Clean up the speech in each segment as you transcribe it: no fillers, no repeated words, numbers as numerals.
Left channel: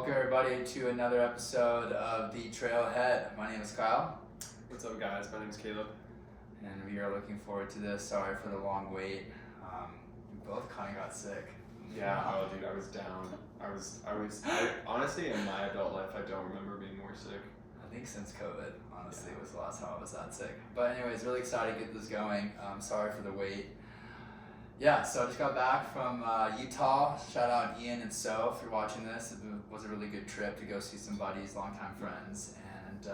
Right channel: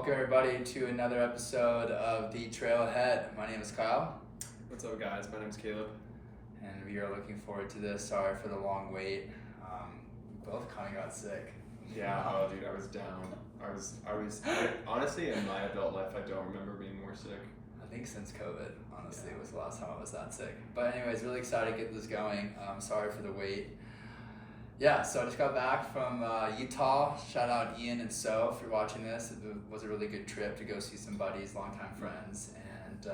Welcome everybody to another episode of The Trailhead. My name is Kyle. What's up, guys? My name's Caleb. And we are looking forward to this. Sorry for the long wait. We both kind of got sick. Yeah, oh dude, I was down. Honestly, in my adult life, I don't remember being more sick. I think since COVID, honestly, was the last time I was that sick. But anyways, really excited to get this going. Sorry for the wait. Yeah, so I just got back from Utah. Shout out Ian and So for watching this. It was a really good trip to go see some buddies, longtime friends, and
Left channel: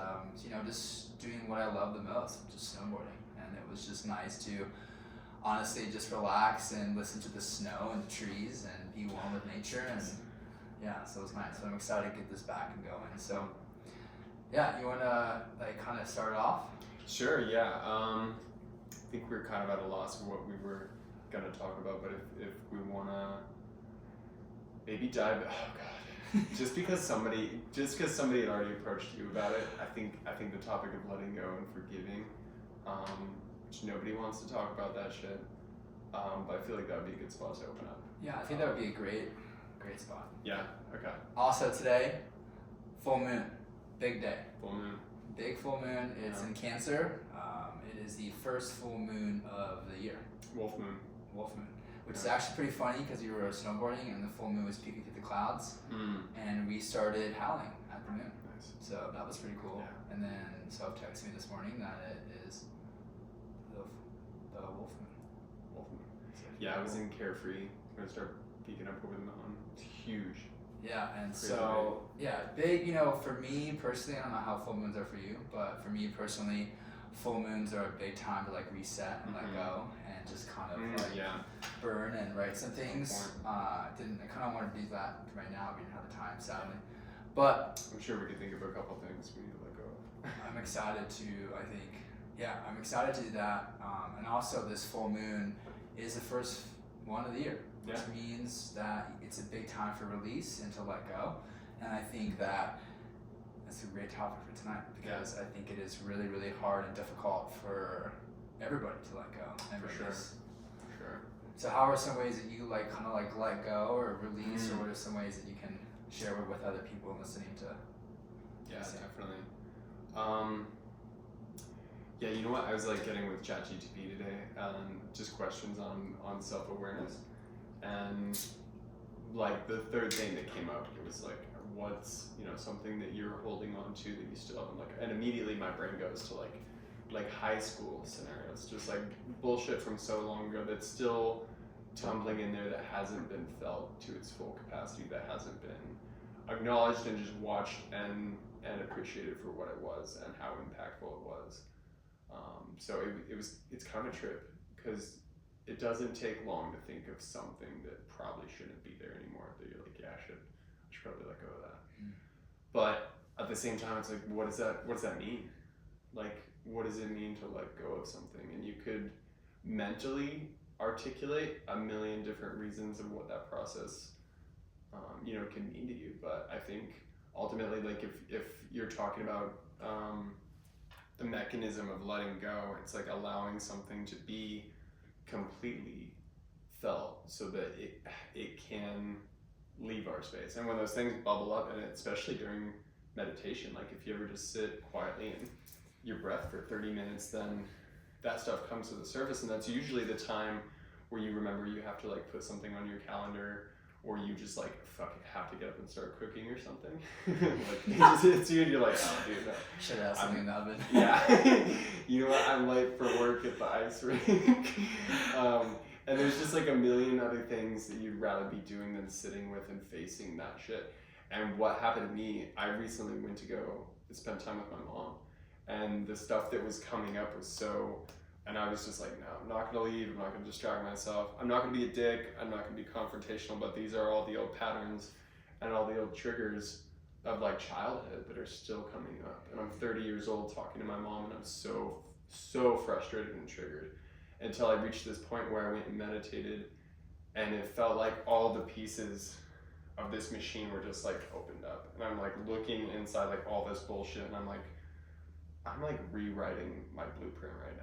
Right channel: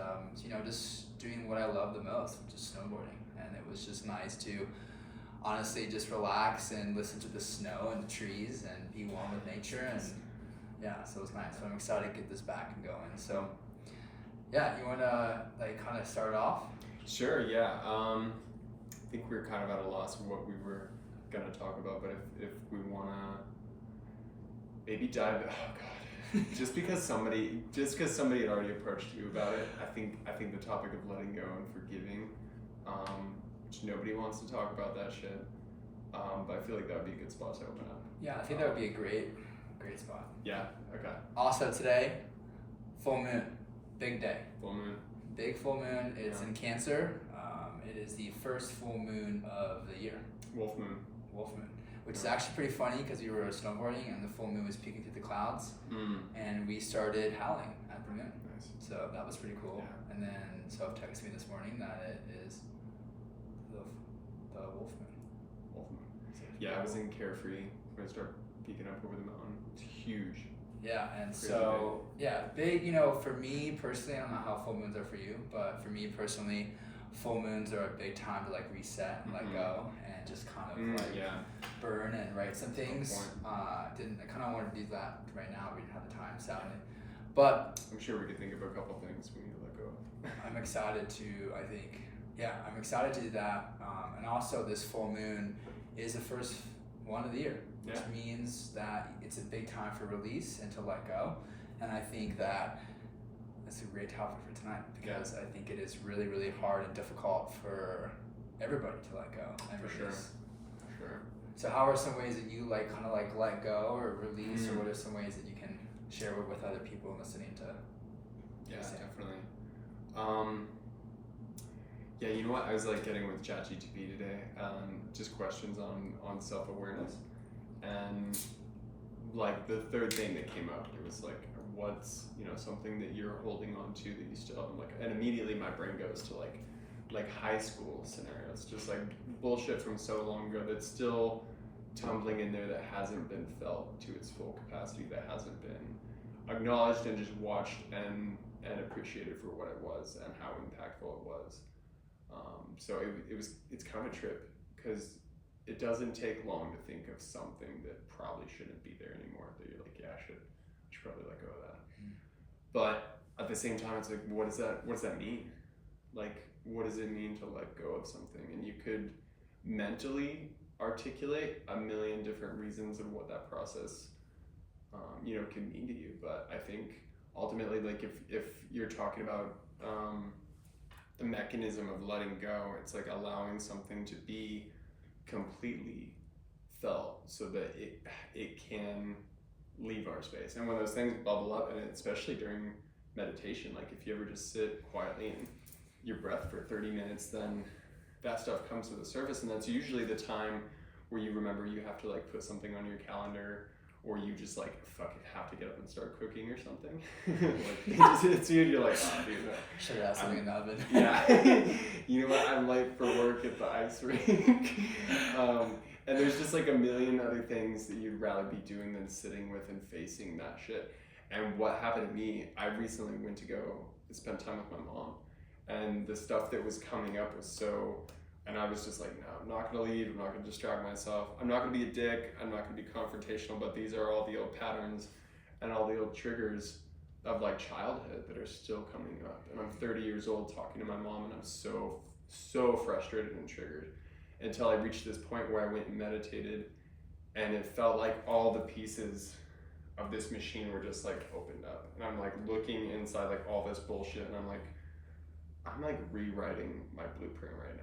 just doing what I love the most, which is snowboarding. And it was just nice to honestly just relax and listen to the snow and the trees and be one with nature. And yeah, so it was nice. So I'm excited to get this back and going. So yeah, you want to kind of start off? Sure, yeah. I think we're kind of at a loss of what we were gonna talk about, but if we wanna maybe dive, oh god, just because somebody had already approached you about it, I think the topic of letting go and forgiving, which nobody wants to talk about that shit, but I feel like that would be a good spot to open up. Yeah, I think that would be a great spot. Yeah. Okay. Also today, full moon, big day. Full moon. Big full moon. It's in Cancer. It is the first full moon of the year. Wolf moon. Which is actually pretty funny because we were snowboarding and the full moon was peeking through the clouds, and we started howling at the moon. Nice. So that was pretty cool. Yeah. And then Soph texted me this morning that it is the wolf moon. Wolf moon. So Yeah, I was cool. in Carefree when it started peeking up over the mountain. It's huge. Yeah, and Crazy so big. For me personally, I don't know how full moons are for you, but for me personally, full moons are a big time to reset and let go and just kind of burn and write some things. I kind of want to do that right now. We didn't have the time, sadly, but I'm sure we could think of a couple things we need to let go of. I'm excited to. I'm excited to do that. And also, this full moon is the first one of the year, which means that it's a big time for release and to let go. And I think that's a great topic for tonight because I think it is really, really hard and difficult for everybody to let go and For release. Sure. So how are some ways that you let go or release, or what are some ways that you can share with other people listening to? Yeah, definitely. Yeah, you know what? I was getting with ChatGPT today, just questions on self-awareness, and the third thing that came up, it was what's something that you're holding on to that you still haven't and immediately my brain goes to high school scenarios, just bullshit from so long ago that's still tumbling in there, that hasn't been felt to its full capacity, that hasn't been acknowledged and just watched and appreciated for what it was and how impactful it was. So it's kind of a trip because it doesn't take long to think of something that probably shouldn't be there anymore, that you're I should probably let go of that. But at the same time, it's what does that mean? What does it mean to let go of something? And you could mentally articulate a million different reasons of what that process can mean to you. But I think ultimately, if you're talking about the mechanism of letting go, it's allowing something to be completely felt so that it can leave our space. And when those things bubble up, and especially during meditation, if you ever just sit quietly in your breath for 30 minutes, then that stuff comes to the surface, and that's usually the time where you remember you have to put something on your calendar, or you just fucking have to get up and start cooking or something. It just hits you and you're oh dude, no. Should have something in the oven. Yeah. You know what, I'm late for work at the ice rink. And there's just a million other things that you'd rather be doing than sitting with and facing that shit. And what happened to me, I recently went to go spend time with my mom, and the stuff that was coming up was and I was just no, I'm not gonna leave, I'm not gonna distract myself, I'm not gonna be a dick, I'm not gonna be confrontational, but these are all the old patterns and all the old triggers of childhood that are still coming up. And I'm 30 years old talking to my mom, and I'm so frustrated and triggered, until I reached this point where I went and meditated, and it felt like all the pieces of this machine were just opened up, and I'm looking inside all this bullshit, and I'm rewriting my blueprint right now.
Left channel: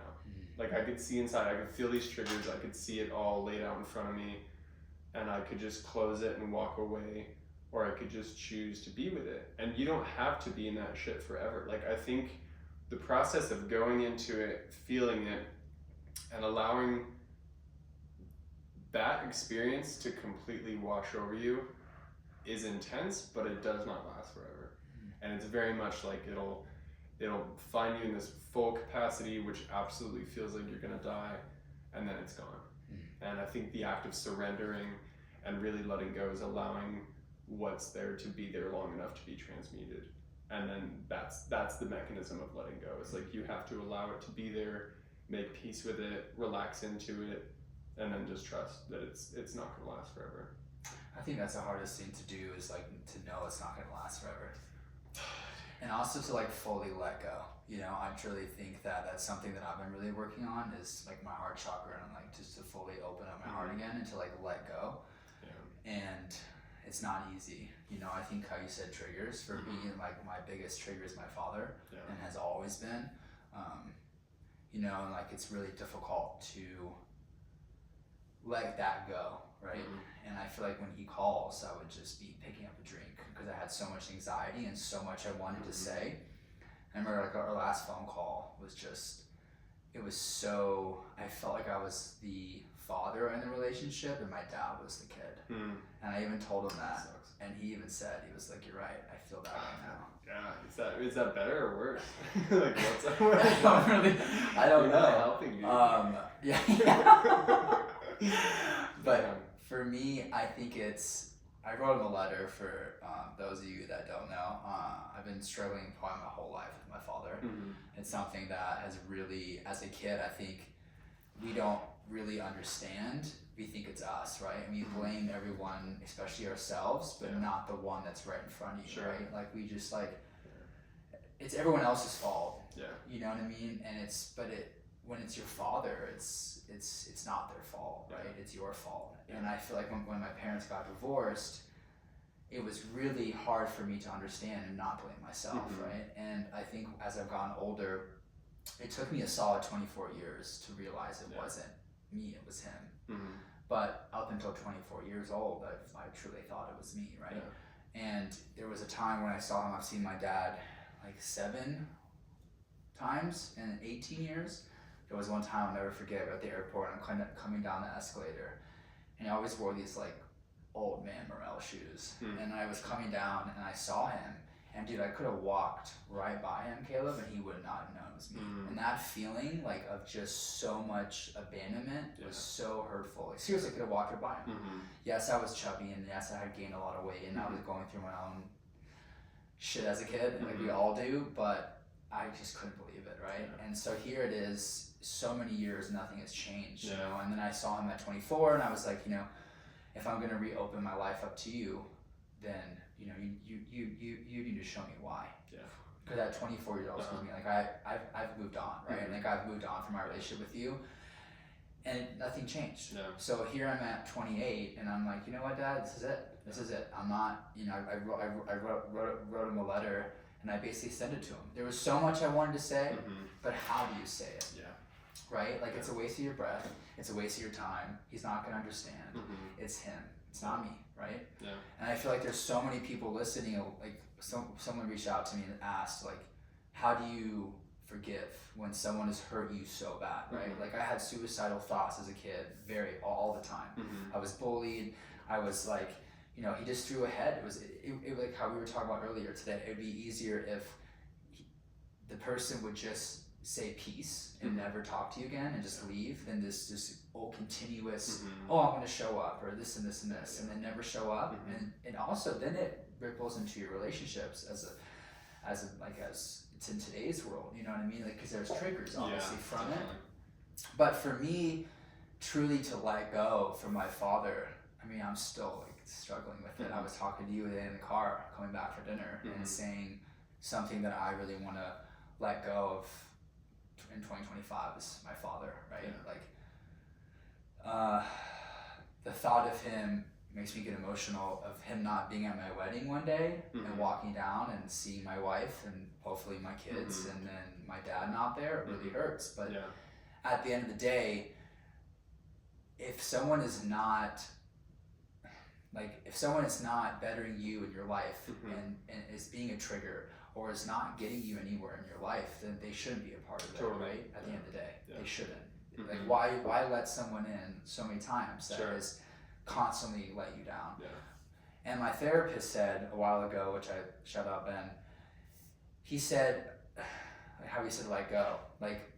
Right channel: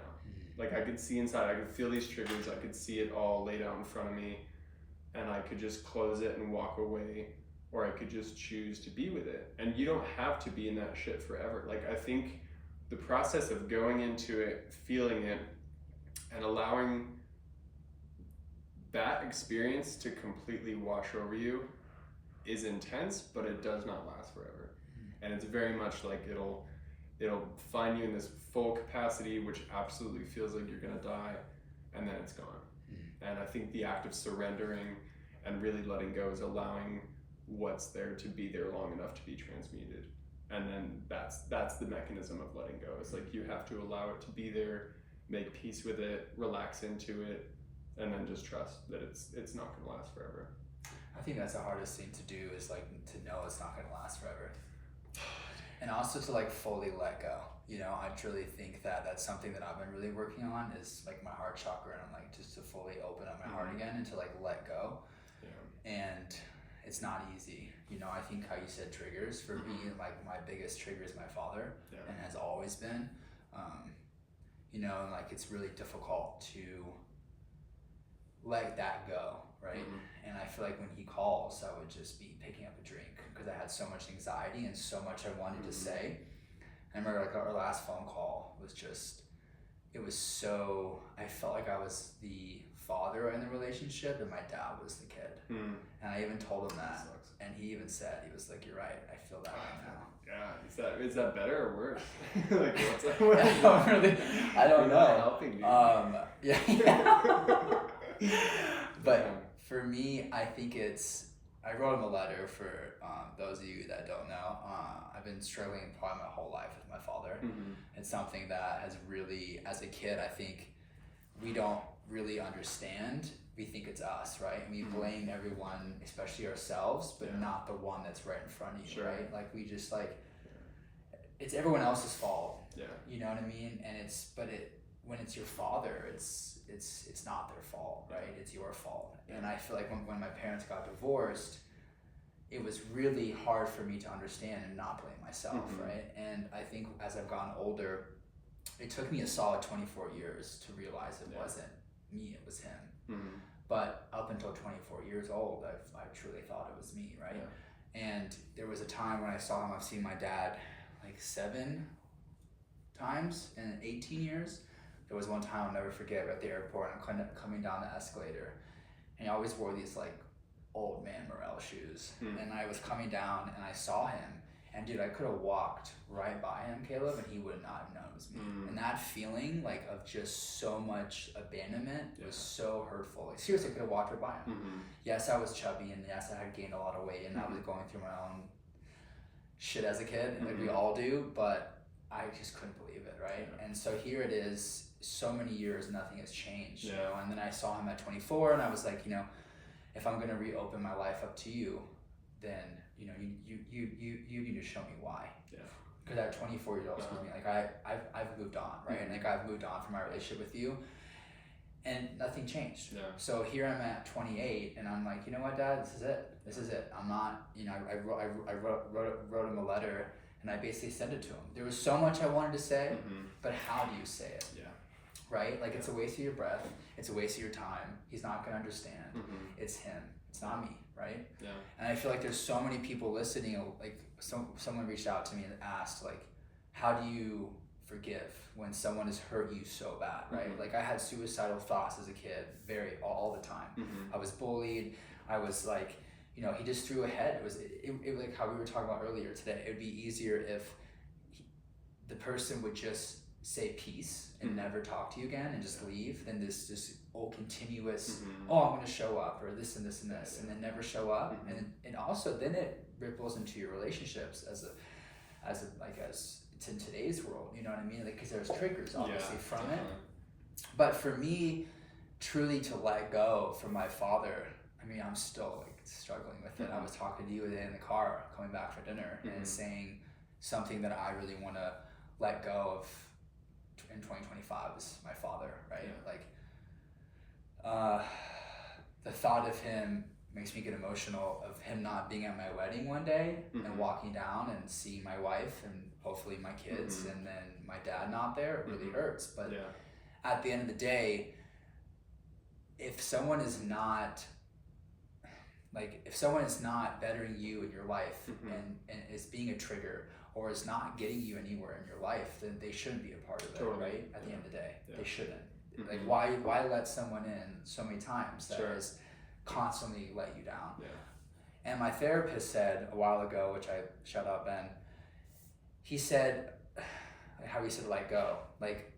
I could see inside, I could feel these triggers, I could see it all laid out in front of me, and I could just close it and walk away or I could just choose to be with it. And you don't have to be in that shit forever. Like, I think the process of going into it, feeling it, and allowing that experience to completely wash over you is intense, but it does not last forever. And it's very much like it'll find you in this full capacity, which absolutely feels like you're gonna die, and then it's gone. And I think the act of surrendering and really letting go is allowing what's there to be there long enough to be transmuted. And then that's the mechanism of letting go. It's like you have to allow it to be there, make peace with it, relax into it, and then just trust that it's not gonna last forever. I think that's the hardest thing to do, is like to know it's not gonna last forever. And also to like fully let go. You know, I truly think that that's something that I've been really working on, is like my heart chakra, and like just to fully open up my heart again and to like let go. Yeah. And it's not easy. You know, I think how you said triggers, for me, like my biggest trigger is my father, and has always been. You know, and like it's really difficult to let that go, right? And I feel like when he calls, I would just be picking up a drink, because I had so much anxiety and so much I wanted to say. I remember like our last phone call was just, it was so, I felt like I was the father in the relationship and my dad was the kid. And I even told him that, and he even said, he was like, "You're right, I feel that right now." Yeah, is that better or worse? Like, what's that? I don't know. Really helping you. But for me, I think I wrote him a letter for those of you that don't know. I've been struggling probably my whole life with my father. It's something that has really, as a kid, I think we don't really understand. We think it's us, right? And we blame everyone, especially ourselves, but not the one that's right in front of you, right? Like we just like, it's everyone else's fault. You know what I mean? And when it's your father, it's not their fault, right? It's your fault. And I feel like when my parents got divorced, it was really hard for me to understand and not blame myself, right? And I think as I've gotten older, it took me a solid 24 years to realize it wasn't me, it was him. But up until 24 years old, I truly thought it was me, right? And there was a time when I saw him. I've seen my dad like 7 times in 18 years. There was one time I'll never forget, at the airport, I'm coming down the escalator, and he always wore these like old man Morel shoes. And I was coming down and I saw him, and dude, I could have walked right by him, Caleb, and he would not have known it was me. And that feeling like of just so much abandonment was so hurtful. Like seriously, I could have walked right by him. Yes, I was chubby, and yes, I had gained a lot of weight, and I was going through my own shit as a kid, like we all do, but I just couldn't believe it, right? And so here it is, so many years, nothing has changed, you know? And then I saw him at 24, and I was like, you know, if I'm gonna reopen my life up to you, then, you know, you need to show me why. Because at 24 years old, excuse me, like I've moved on, right? Like I've moved on from my relationship with you, and nothing changed. So here I'm at 28, and I'm like, you know what, Dad, this is it. This is it. I'm not, you know, I wrote him a letter, and I basically sent it to him. There was so much I wanted to say, but how do you say it? Right? Like it's a waste of your breath. It's a waste of your time. He's not gonna understand. It's him. It's not me, right? And I feel like there's so many people listening. Like someone reached out to me and asked, like, how do you forgive when someone has hurt you so bad, right? Like I had suicidal thoughts as a kid, all the time. I was bullied. I was like, you know, he just threw ahead. It like how we were talking about earlier today. It'd be easier if the person would just say peace and never talk to you again and just leave than this continuous, oh, I'm going to show up, or this and this and this, and then never show up. And also then it ripples into your relationships as it's in today's world, you know what I mean? Like, because there's triggers obviously from it. But for me, truly to let go from my father, I mean, I'm still like struggling with it. I was talking to you today in the car coming back for dinner and saying something that I really want to let go of in 2025 is my father, right? Like the thought of him makes me get emotional, of him not being at my wedding one day and walking down and seeing my wife and hopefully my kids and then my dad not there. It really hurts. But at the end of the day, if someone is not, Like if someone is not bettering you in your life Mhm. and is being a trigger or is not getting you anywhere in your life, then they shouldn't be a part of it, Totally. right? At the end of the day, Yeah. they shouldn't. Like Mhm. why let someone in so many times that Sure. has constantly let you down? Yeah. And my therapist said a while ago, which I shout out Ben, he said how he said let go. Like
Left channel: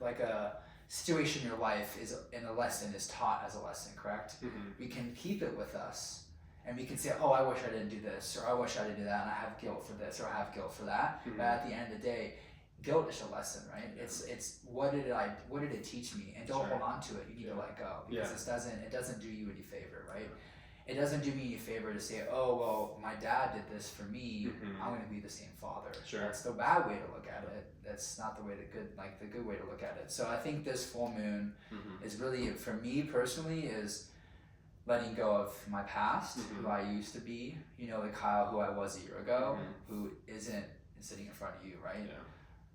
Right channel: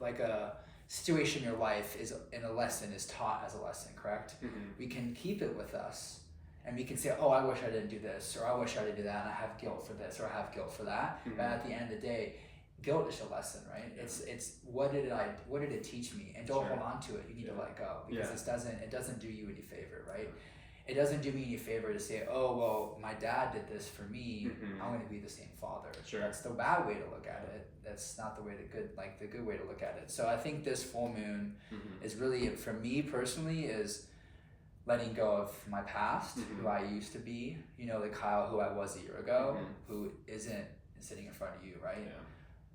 like a situation in your life is in a lesson is taught as a lesson, correct? Mhm. We can keep it with us and we can say, oh, I wish I didn't do this, or I wish I didn't do that, and I have guilt for this, or I have guilt for that. Mhm. But at the end of the day, guilt is a lesson, right? It's what did it teach me? And don't Sure. hold on to it. You need to let go because Yeah. it doesn't do you any favor, right? It doesn't do me any favor to say, oh well, my dad did this for me. Mhm. I'm going to be the same father. Sure. That's the bad way to look at it. That's not the way to the good way to look at it. So I think this full moon Mhm. is really, for me personally, is letting go of my past, Mhm. who I used to be. You know, like Kyle, who I was a year ago, Mhm. who isn't sitting in front of you, right? Yeah.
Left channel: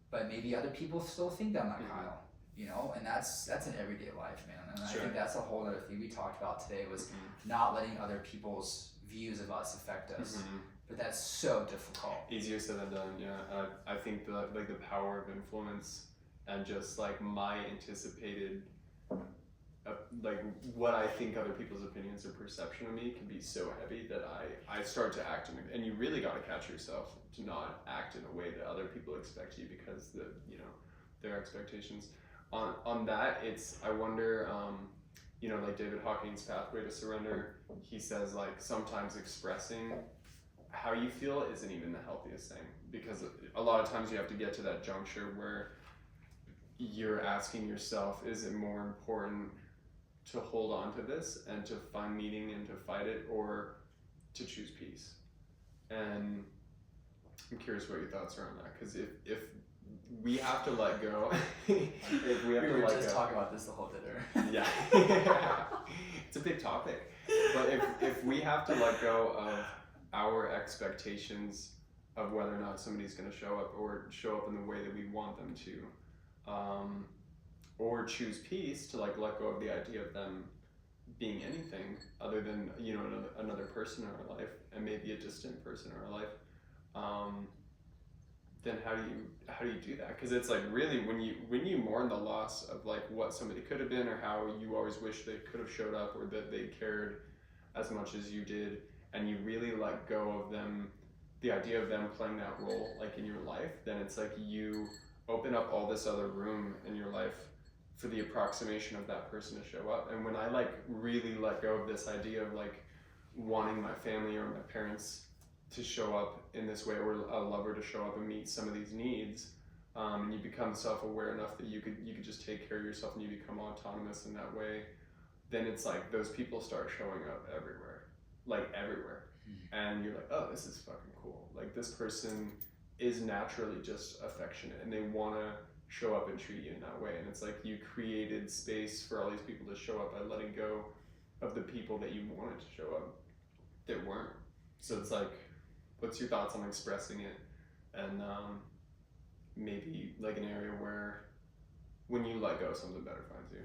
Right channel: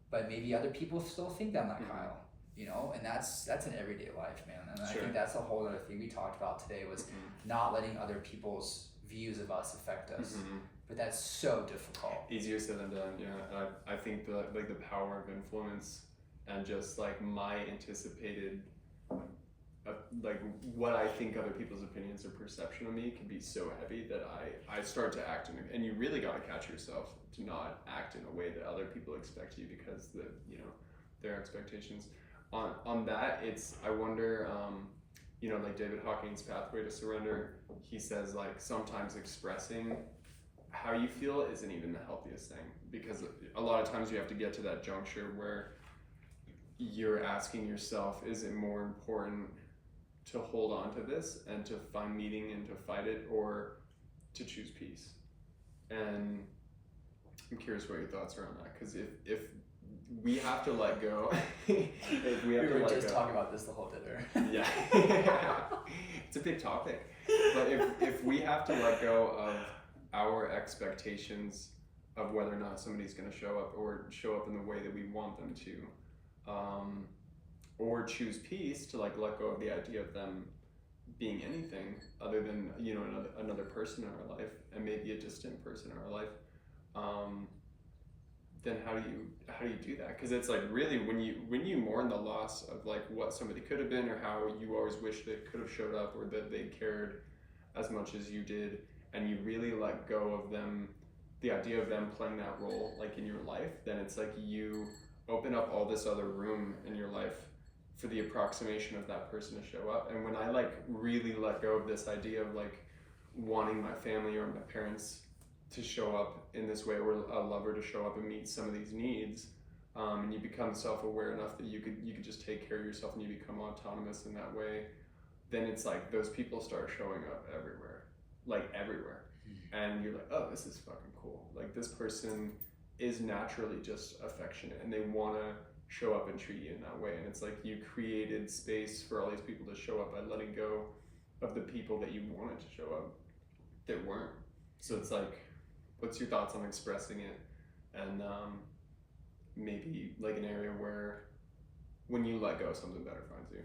But maybe other people still think I'm that Mhm. Kyle. You know, and that's an everyday life, man. And Sure. I think that's a whole other thing we talked about today was Mhm. not letting other people's views of us affect us. Mhm. But that's so difficult. Easier said than done, yeah. And I think the power of influence and just like my anticipated like what I think other people's opinions or perception of me can be so heavy that I start to act in, and you really got to catch yourself to not act in a way that other people expect you because their expectations on that. It's, I wonder, like David Hawking's Pathway to Surrender, he says like sometimes expressing how you feel isn't even the healthiest thing, because a lot of times you have to get to that juncture where you're asking yourself, is it more important to hold on to this and to find meaning and to fight it, or to choose peace? And I'm curious what your thoughts are on that, because if we have to let go, if we have We to were let just go, talking about this the whole dinner. yeah, it's a big topic. But if we have to let go of our expectations of whether or not somebody's going to show up in the way that we want them to, or choose peace to like let go of the idea of them being anything other than another person in our life, and maybe a distant person in our life, then how do you do that? Because it's like really when you mourn the loss of like what somebody could have been, or how you always wish they could have showed up, or that they cared as much as you did, and you really let go of them, the idea of them playing that role like in your life, then it's like you open up all this other room in your life for the approximation of that person to show up. And when I like really let go of this idea of like wanting my family or my parents to show up in this way, or a lover to show up and meet some of these needs, and you become self-aware enough that you could just take care of yourself, and you become autonomous in that way, then it's like those people start showing up everywhere, like everywhere. And you're like, oh, this is fucking cool. Like this person is naturally just affectionate, and they want to show up and treat you in that way. And it's like you created space for all these people to show up by letting go of the people that you wanted to show up that weren't. So it's like, what's your thoughts on expressing it, and maybe like an area where when you let go, something better finds you?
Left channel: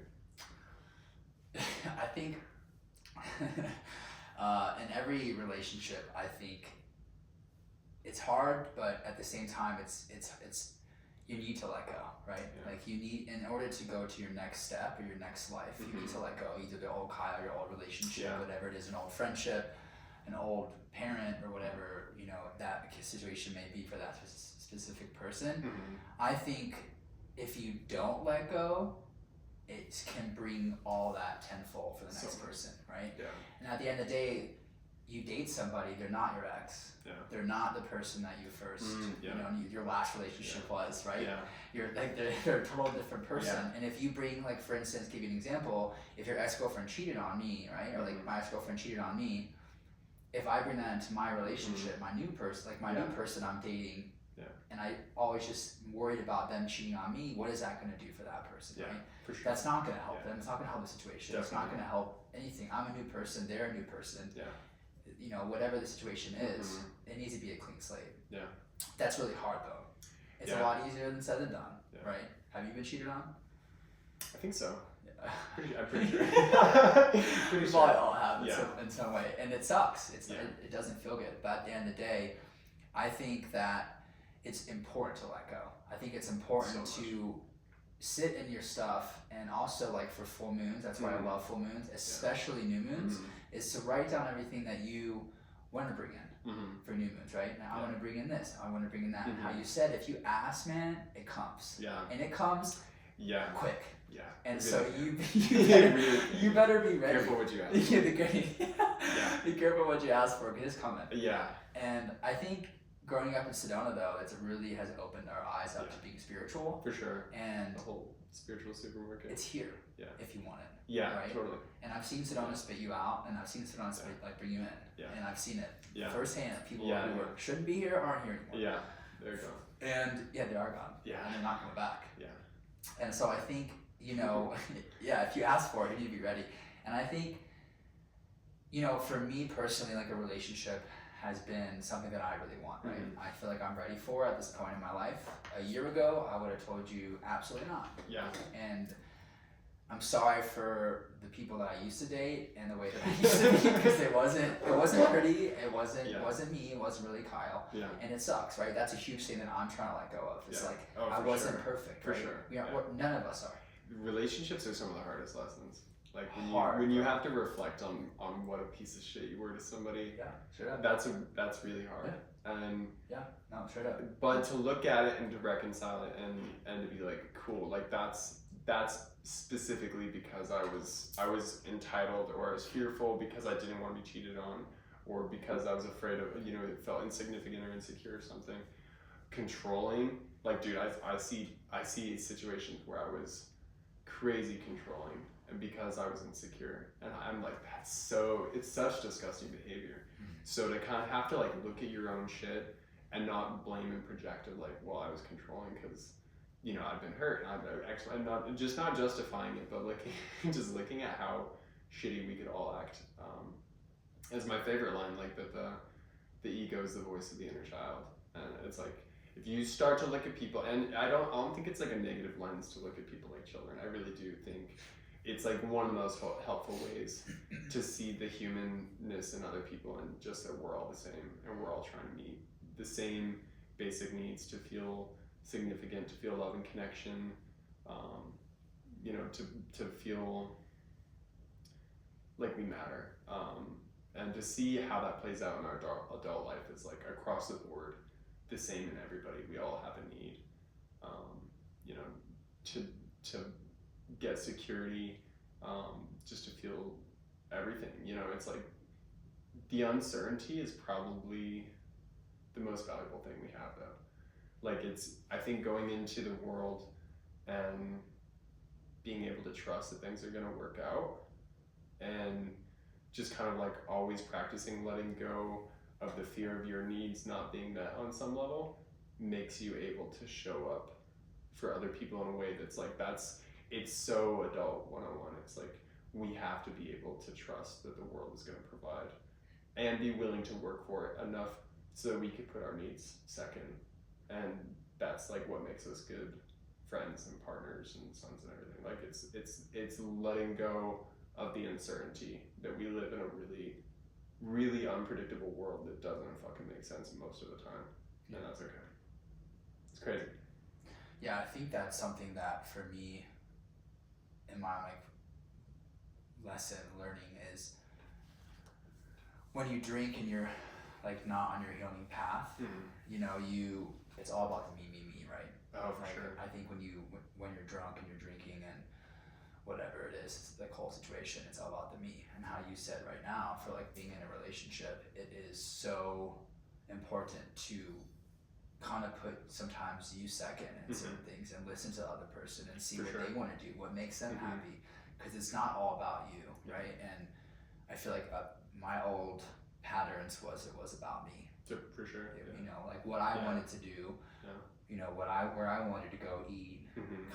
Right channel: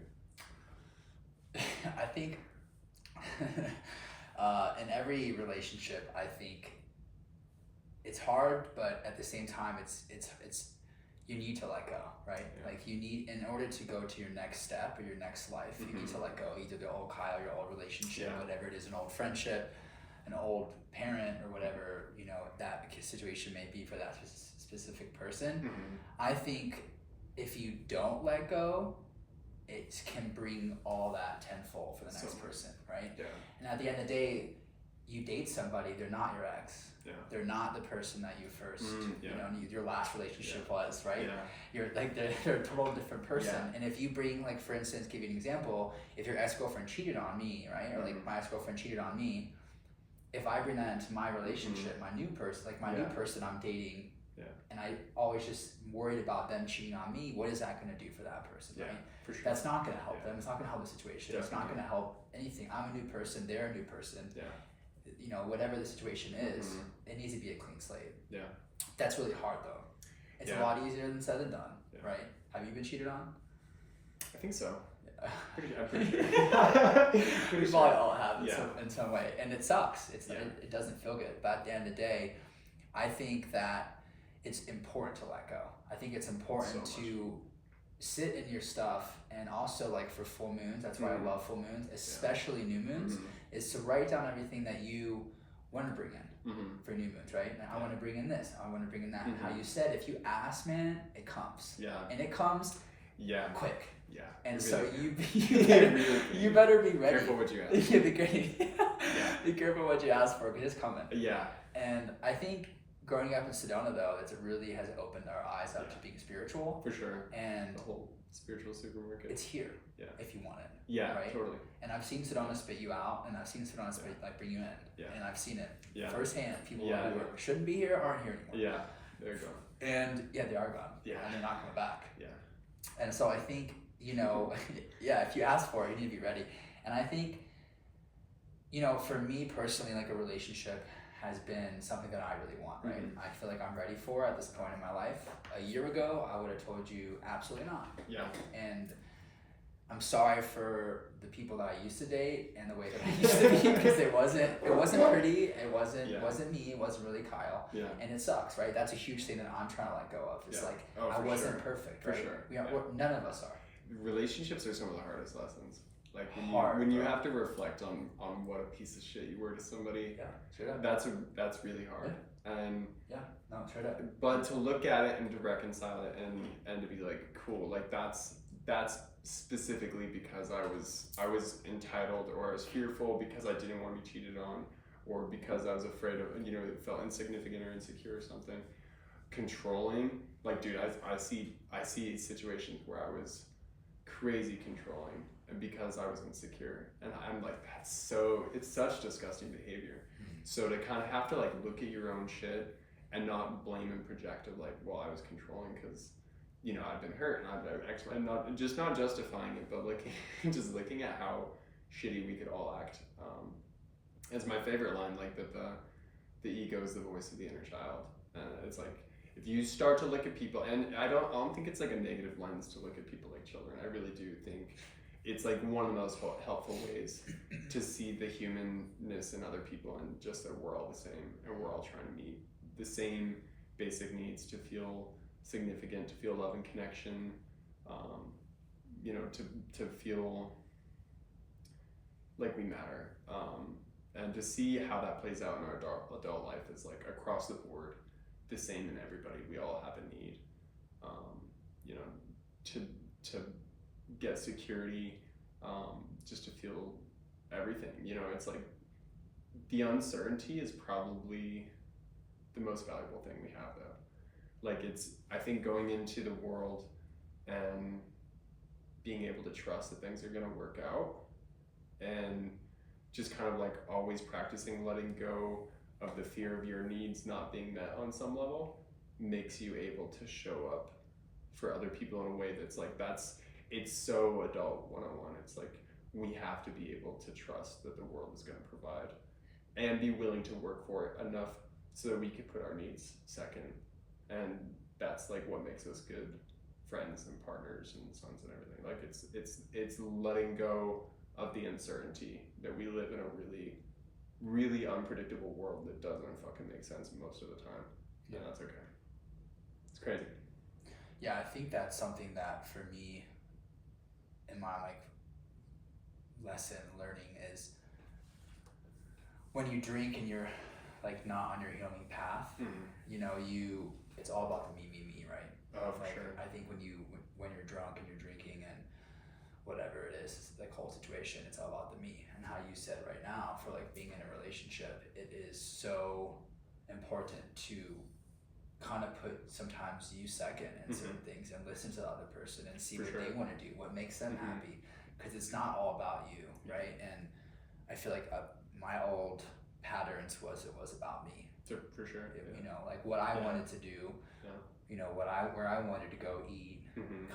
I think in every relationship, I think it's hard, but at the same time, it's you need to let go, right? Yeah. Like you need, in order to go to your next step or your next life, you need to let go either the old Kyle, your old relationship, Yeah. whatever it is, an old friendship, an old parent, or whatever that situation may be for that specific person. Mm-hmm. I think if you don't let go, it can bring all that tenfold for the next person, right? Yeah. And at the end of the day, you date somebody, they're not your ex. Yeah. They're not the person that you first, Yeah. your last relationship was, right? Yeah. You're like, they're a total different person. Yeah. And if you bring, like, for instance, give you an example, if your ex-girlfriend cheated on me, right? Or like my ex-girlfriend cheated on me, if I bring that into my relationship, my new person, like my new person I'm dating, and I always just worried about them cheating on me, what is that going to do for that person, right? For sure. That's not going to help them. It's not going to help the situation. Definitely. It's not going to help anything. I'm a new person. They're a new person. Yeah. Whatever the situation is, it needs to be a clean slate. Yeah. That's really hard though. It's a lot easier than said than done, right? Have you been cheated on? I think so. I'm pretty sure. We Pretty probably sure. all have in, Yeah. in some way, and it sucks. Yeah. It doesn't feel good. But at the end of the day, I think that it's important to let go. I think it's important So to sit in your stuff, and also like for full moons. That's why I love full moons, especially new moons. Is to write down everything that you want to bring in for new moons, right? And I want to bring in this. I want to bring in that. And how you said, if you ask, man, it comes. Yeah. And it comes quick. Yeah. And You're so really you better be ready. Careful what you ask. Yeah, be careful what you ask for, because it's coming. Yeah. And I think growing up in Sedona, though, it really has opened our eyes up to being spiritual. For sure. And the whole spiritual supermarket. it's here. Yeah. If you want it. Yeah. Right? Totally. And I've seen Sedona spit you out, and I've seen Sedona spit bring you in. Yeah. And I've seen it firsthand. People Yeah. who shouldn't be here aren't here anymore. Yeah. There you go. And they are gone. Yeah. And they're not coming back. Yeah. And so I think, if you ask for it, you need to be ready. And I think, for me personally, like a relationship has been something that I really want, right? I feel like I'm ready for at this point in my life. A year ago, I would have told you absolutely not. Yeah. And I'm sorry for the people that I used to date and the way that I used to be, because it wasn't pretty. It wasn't me. It wasn't really Kyle. Yeah. And it sucks, right? That's a huge thing that I'm trying to let go of. It's like I for wasn't sure. perfect, For right? sure. None of us are. Relationships are some of the hardest lessons. Like Hard, when you right? have to reflect on what a piece of shit you were to somebody. Yeah, straight up. That's really hard. And No, straight up. but to look at it and to reconcile it and to be like, cool, like that's specifically because I was entitled, or I was fearful because I didn't want to be cheated on, or because I was afraid of, it felt insignificant or insecure or something. Controlling, like, dude, I see situations where I was crazy controlling, and because I was insecure, and I'm like, it's such disgusting behavior. So to kind of have to like look at your own shit and not blame and project of like, well, I was controlling because I've been hurt, and not justifying it, but looking at how shitty we could all act. Is my favorite line, like that the ego is the voice of the inner child, and it's like, if you start to look at people, and I don't think it's like a negative lens to look at people like children. I really do think it's like one of the most helpful ways to see the humanness in other people, and just that we're all the same, and we're all trying to meet the same basic needs to feel significant, to feel love and connection, to feel like we matter, and to see how that plays out in our adult life is like across the board the same in everybody. We all have a need, to get security, just to feel everything. It's like the uncertainty is probably the most valuable thing we have, though. Like, I think going into the world and being able to trust that things are going to work out, and just kind of like always practicing letting go of the fear of your needs not being met on some level, makes you able to show up for other people in a way that's like, it's so adult 101. It's like, we have to be able to trust that the world is going to provide, and be willing to work for it enough so that we could put our needs second. And that's like what makes us good friends and partners and sons and everything. Like, it's letting go of the uncertainty that we live in a really, really unpredictable world that doesn't fucking make sense most of the time. Yeah, and that's okay. It's crazy. Yeah, I think that's something that for me, in my lesson learning, is when you drink and you're like not on your healing path, it's all about the me, right? Oh, for like, sure. I think when you're drunk and you're drinking and whatever it is, the whole situation, it's all about the me. And how you said right now, for like being in a relationship, it is so important to kind of put sometimes you second in certain things, and listen to the other person and see what they want to do, what makes them happy, because it's not all about you, right? And I feel like my old patterns was about me. For sure. Like what I wanted to do, where I wanted to go eat,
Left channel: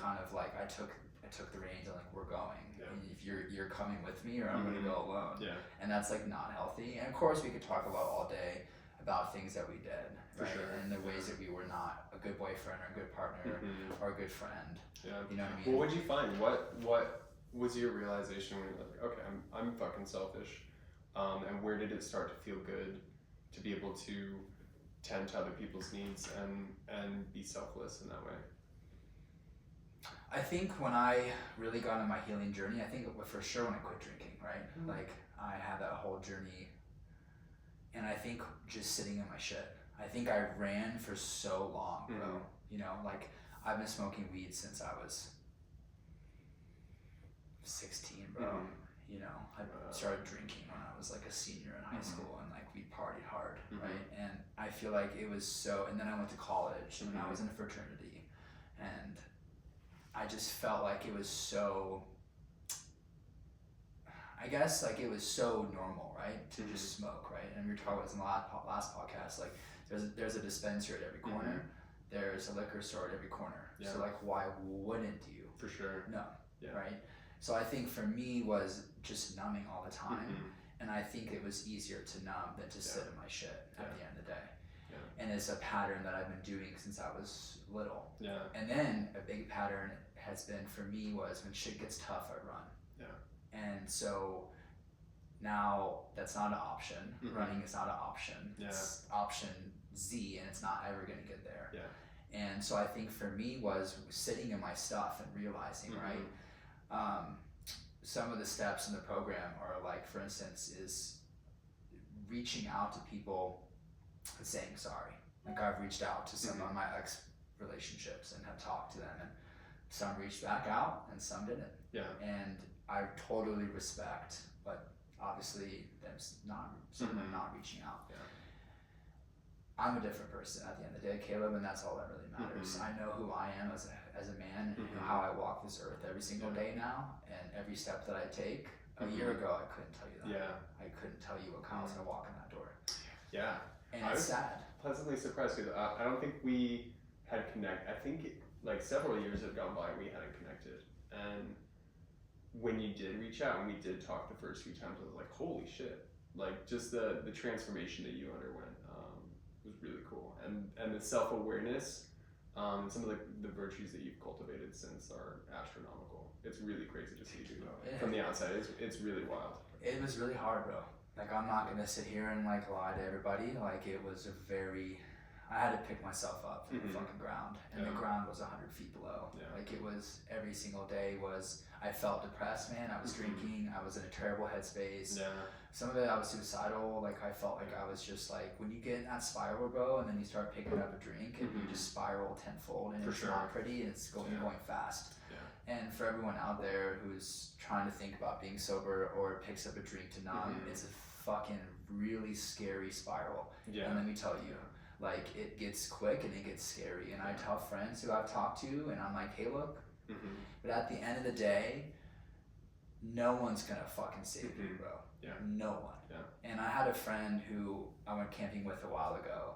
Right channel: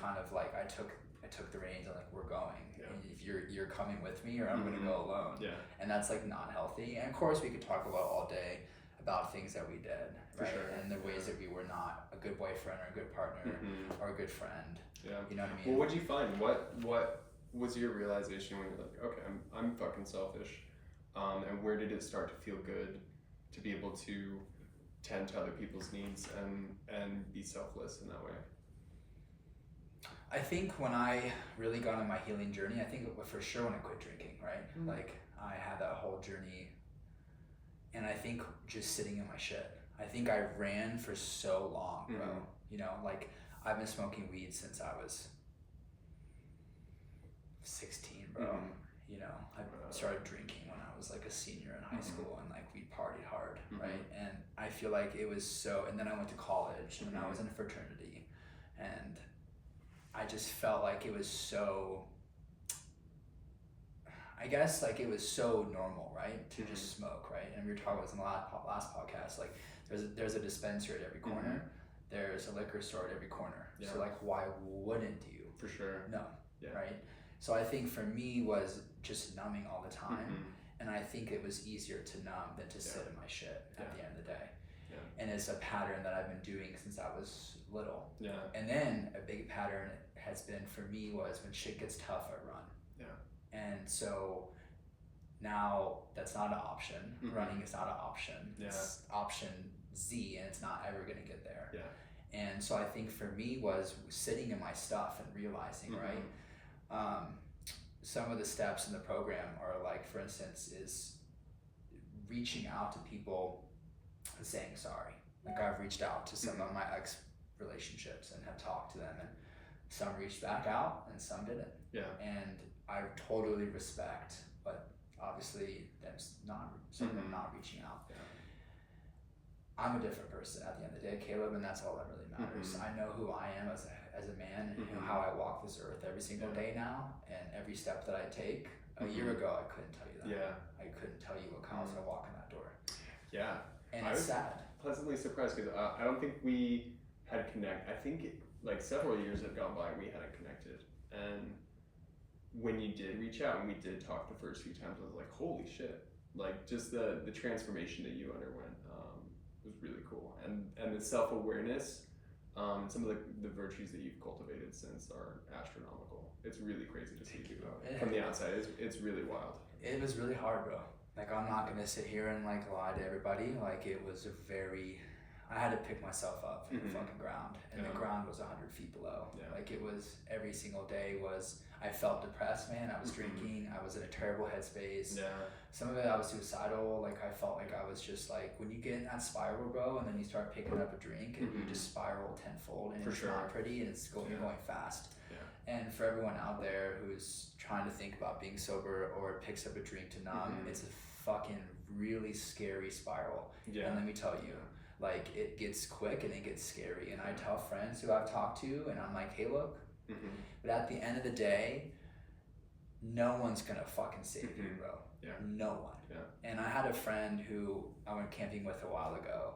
kind of like I took the reins and like, we're going. And if you're coming with me, or I'm gonna go alone. Yeah. And that's like not healthy. And of course we could talk about all day about things that we did, right? And the ways that we were not a good boyfriend or a good partner or a good friend. Yeah. You know what I mean? Well, what did you find? What was your realization when you're like, okay, I'm fucking selfish, and where did it start to feel good to be able to tend to other people's needs and be selfless in that way? I think when I really got on my healing journey, I think it was for sure when I quit drinking, right? Like I had that whole journey, and I think just sitting in my shit. I think I ran for so long, bro. You know, like I've been smoking weed since I was 16, bro. You know, I started drinking when I was like a senior in high school, and like we partied hard, right? And I feel like it was so, and then I went to college and I was in a fraternity, and I just felt like it was so, I guess like it was so normal, right? To just smoke, right? And we were talking about this in the last podcast, like there's a dispensary at every corner, there's a liquor store at every corner. Yeah. So like why wouldn't you? For sure. No. Yeah. Right? So I think for me was just numbing all the time, and I think it was easier to numb than to sit in my shit at the end of the day. Yeah. And it's a pattern that I've been doing since I was little. Yeah. And then a big pattern has been for me was when shit gets tough, I run. Yeah. And so now that's not an option. Running is not an option. Yeah. It's option Z, and it's not ever gonna get there. Yeah. And so I think for me was sitting in my stuff and realizing, right? Some of the steps in the program are like, for instance, is reaching out to people and saying sorry. Like I've reached out to some of my ex relationships and have talked to them, and some reached back out and some didn't. Yeah. And I totally respect, but obviously some of them not reaching out. Yeah. I'm a different person at the end of the day, Caleb, and that's all that really matters. I know who I am as a man, and how I walk this earth every single day now, and every step that I take. A year ago, I couldn't tell you that. Yeah. I couldn't tell you what counts I walk in that door. Yeah. And I it's was sad. pleasantly surprised because I don't think we had I think like several years had gone by and we hadn't connected. And when you did reach out and we did talk the first few times, I was like, holy shit! Like just the transformation that you underwent was really cool, and the self awareness, some of the virtues that you've cultivated since are astronomical. It's really crazy to see from the outside. It's really wild. It was really hard, bro. Like I'm not gonna sit here and like lie to everybody. Like it was I had to pick myself up from the fucking ground, and the ground was 100 feet below. Yeah. Like it was every single day I felt depressed, man. I was drinking. I was in a terrible headspace. Yeah. Some of it I was suicidal. Like I felt like I was just like, when you get in that spiral, bro, and then you start picking up a drink and you just spiral tenfold, and it's not pretty, and you're going fast. Yeah. And for everyone out there who's trying to think about being sober or picks up a drink to numb, it's a fucking really scary spiral. Yeah. And let me tell you, like it gets quick and it gets scary. And I tell friends who I've talked to, and I'm like, hey, look, but at the end of the day, no one's gonna fucking save you, bro. Yeah. No one. Yeah. And I had a friend who I went camping with a while ago,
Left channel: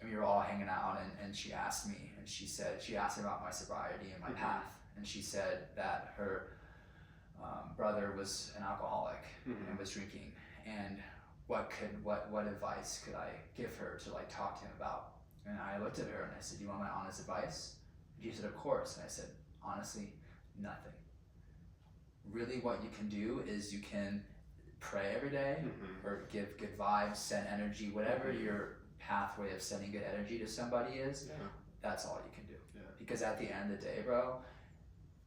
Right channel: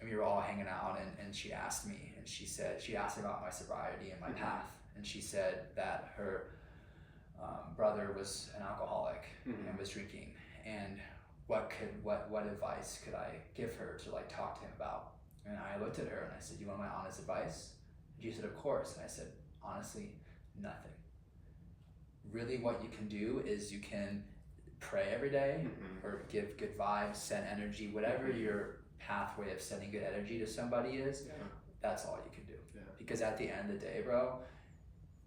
and we were all hanging out, and she asked me, and she asked me about my sobriety and my path, and she said that her brother was an alcoholic and was drinking, and what advice could I give her to like talk to him about? And I looked at her and I said, you want my honest advice? And she said, of course. And I said, honestly, nothing. Really what you can do is you can pray every day, or give good vibes, send energy, whatever your pathway of sending good energy to somebody is, that's all you can do. Yeah. Because at the end of the day, bro,